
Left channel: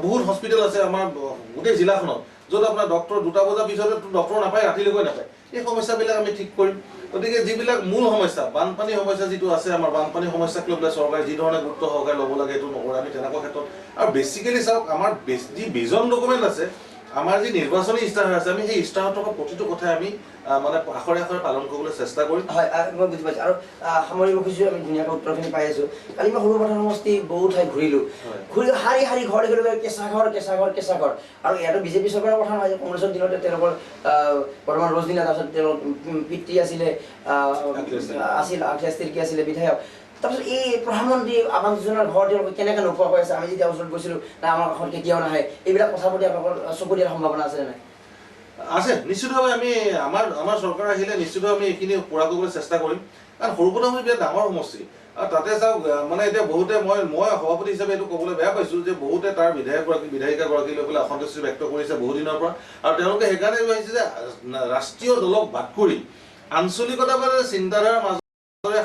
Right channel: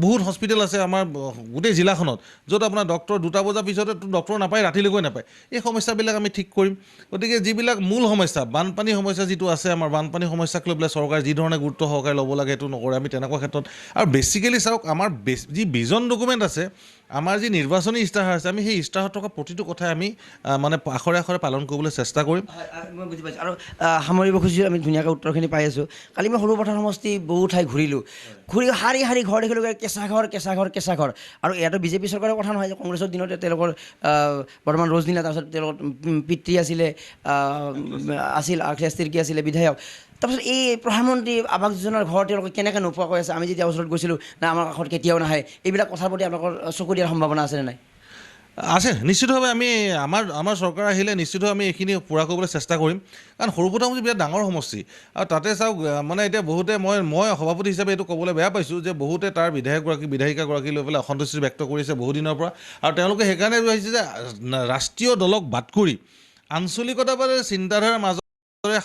বহুত হস্পিটেল আছে আমাৰ গোটেই জিলাখনত য'ত আপোনাৰ ডক্টৰ 2টা বজাৰ পিছতে ডক্টৰ নাপায় ৰাতিলৈকৈ নাপায় এই সমস্যাবিলাক আমি ঠিক কৰিম গতিকে যিবিলাক মূল সমস্যা বানপানী সমস্যা যিটো আছে আমাৰ বানপানী সমস্যাক লৈ পেলাই চৰকাৰে যি ধৰণে গুৰুত্ব সহকাৰে ল'ব লাগে সেইটো নকৰে আমি তেনেকুৱা ক্ষেত্ৰত আৰু বেছিকেলি চাওক আমাৰ যি ভিজন ডকুমেণ্ট আছে আমাৰ যি নিৰ্বাচনী ইস্তাহাৰ আছে আমি সেই ইস্তাহাৰত থকা প্ৰতিটো কথাই আমি মানে আখৰে আখৰে পালন কৰিবলৈ চেষ্টা কৰিম হয় মই বুজি পাইছোঁ আৰু সামৰিব খুজিছোঁ আমি ধুনীয়াকৈ উত্তৰখিনি পাই আছোঁ কালি মই সৰুপথাৰ সমষ্টি বহু ঠাই ঘূৰি শাৰী শাৰী ঘৰ দেখিলোঁ কেঁচা ঘৰ আৰু ইয়াতো বিজেপি চৰকাৰৰ কথা নহয় যে কংগ্ৰেছৰ দিনতে তেওঁলোকৰ বৰ্তমান ৰজনীনা তাৰপিছত তেওঁৰ পিতৃ আছিল আখেছ তিৰ্কী আছিলে বিধায়ক তাৰপিছত এই প্ৰধানমন্ত্ৰী আৱাস যোজনাৰ ঘৰ তেওঁলোকে কেনেকৈ নোপোৱাকৈ আছে আমি যেতিয়া ওচৰত গৈছিলোঁ না আমাৰ কাষত কেতিয়াও নাহে এইবিলাক কথাৰ প্ৰতি আপোনালোকৰ চকু দিয়াৰ সম্ভাৱনা আছেনে নাই আছে নিশ্চিতভাৱে আমি আমাৰ চৰকাৰ আহিলে নিশ্চিতভাৱে আমি এইখিনি পূৰা কৰিবলৈ চেষ্টা কৰিম কাৰণ সৰুপথাৰ সমষ্টি বিৰাট ডাঙৰ সমষ্টি আৰু তাতে চাওক মানে এতিয়া বহুতে মই সভাপতি হিচাপে এইটো ক'বলৈ বেয়া পাইছোঁ যে বহুতে তাৰ বিধায়িকাগৰাকী লৈ পেলাই অসন্তুষ্টি ব্যক্ত কৰিছে বহুদিনৰ পৰা আৰু তেওঁলোকে সেইকাৰণে ভাবিছে যে ৰাষ্ট্ৰীয় দলক বাদ কৰি আঞ্চলিকতাবাদী চিন্তাধাৰাৰ মাজত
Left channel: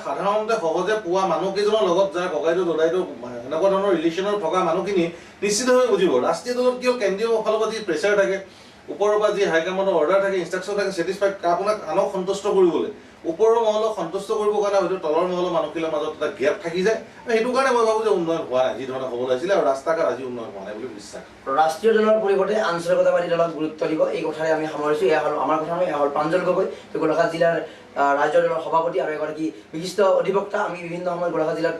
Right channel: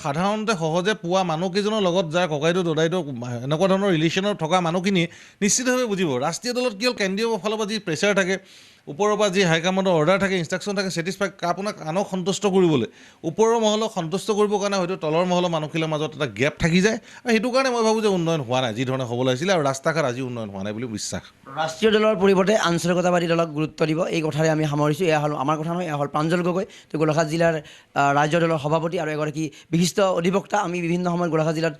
সাধাৰণতে সহজে পোৱা মানুহকেইজনৰ লগত যাৰ ককাইটো দদাইটো এনেকুৱা ধৰণৰ ৰিলেশ্যনৰ থকা মানুহখিনিয়ে নিশ্চিতভাৱে বুজিব ৰাষ্ট্ৰীয় দলত কিয় কেন্দ্ৰীয় ফালৰ পৰা যি প্ৰেছাৰ থাকে ওপৰৰ পৰা যি হাইকমাণ্ডৰ অৰ্ডাৰ থাকে ইনষ্ট্ৰাকশ্যন থাকে ছেটিছফাই আপোনাক আনক সন্তুষ্ট কৰিবলৈ ওপৰৰ মহলক সন্তুষ্ট কৰিবৰ কাৰণে হয়তো তলৰ মহলৰ মানুহখিনিৰ মাজত এটা গেপ থাকি যায় আৰু সেইটো কাৰণে মই ভাবোঁ যে উন্নয়ন হোৱা নাই যি ধৰণে হ'ব লাগিছিলে আৰু ৰাস্তা ঘাট আজি উন্নয়ন হোৱা নাই বুলি বিশ্বাস ৰাষ্ট্ৰীয় দলৰ পৰিৱৰ্তে আঞ্চলিকতাবাদী দলক গুৰুত্ব দিব এই কথাৰে আমি সামৰিছোঁ এয়া হ'ল আমাৰ কথা নহয় এয়া হ'ল প্ৰাঞ্জল গগৈ গোলাঘাট জিলাৰ ৰাজ্য দলৰ সভাপতি আৰু এগৰাকী বিশিষ্ট অধিবক্তা আমি বিভিন্ন সময়ত গোলাঘাট জিলাত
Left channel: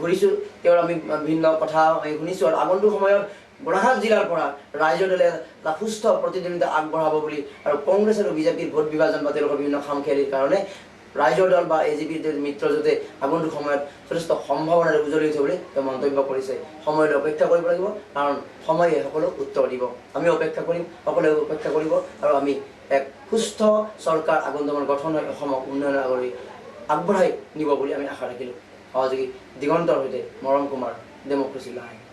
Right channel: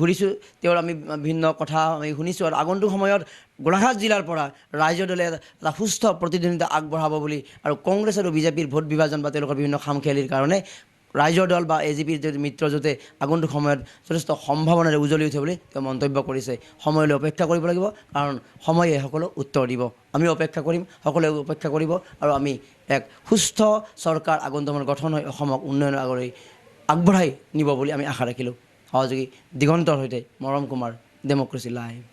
ঘূৰিছোঁ তেওঁৰ আমি বিভিন্ন কথা আমি শুনিছোঁ আৰু আগন্তুক সময়ত গোলাঘাট জিলাৰ পৰা ৰাজ্য দলে এটা সুস্থ প্ৰতিদ্বন্দ্বিতা আগবঢ়াব বুলি আৰু কংগ্ৰেছ আৰু বিজেপিৰ ভোট বিভাজন বা তেওঁলোকৰ বিভিন্ন খামখেয়ালিৰ কাৰণে ৰাইজৰ দল বা এজিপিৰ মিত্ৰজোঁটে আগন্তুক সময়ত যথেষ্ট সম্ভাৱনাৰে উজ্বলি উঠে বুলি তেওঁ মন্তব্য কৰিছে সময়লৈ অপেক্ষা কৰিব লাগিব কাৰণ সময়ে সকলো উত্তৰ দিব আমি অপেক্ষা কৰিম সকলোৱে অপেক্ষা কৰিব আৰু আমি এক সুস্থ চৰকাৰ আগন্তুক গঠন হৈ অসমক উন্নয়নৰ আগলৈ আগবঢ়াই নিব বুলি আমি আশা ৰাখিলোঁ সহযোগী দিগন্তৰ সৈতে মৰম কুমাৰ ডেমক্ৰেচি লাইভ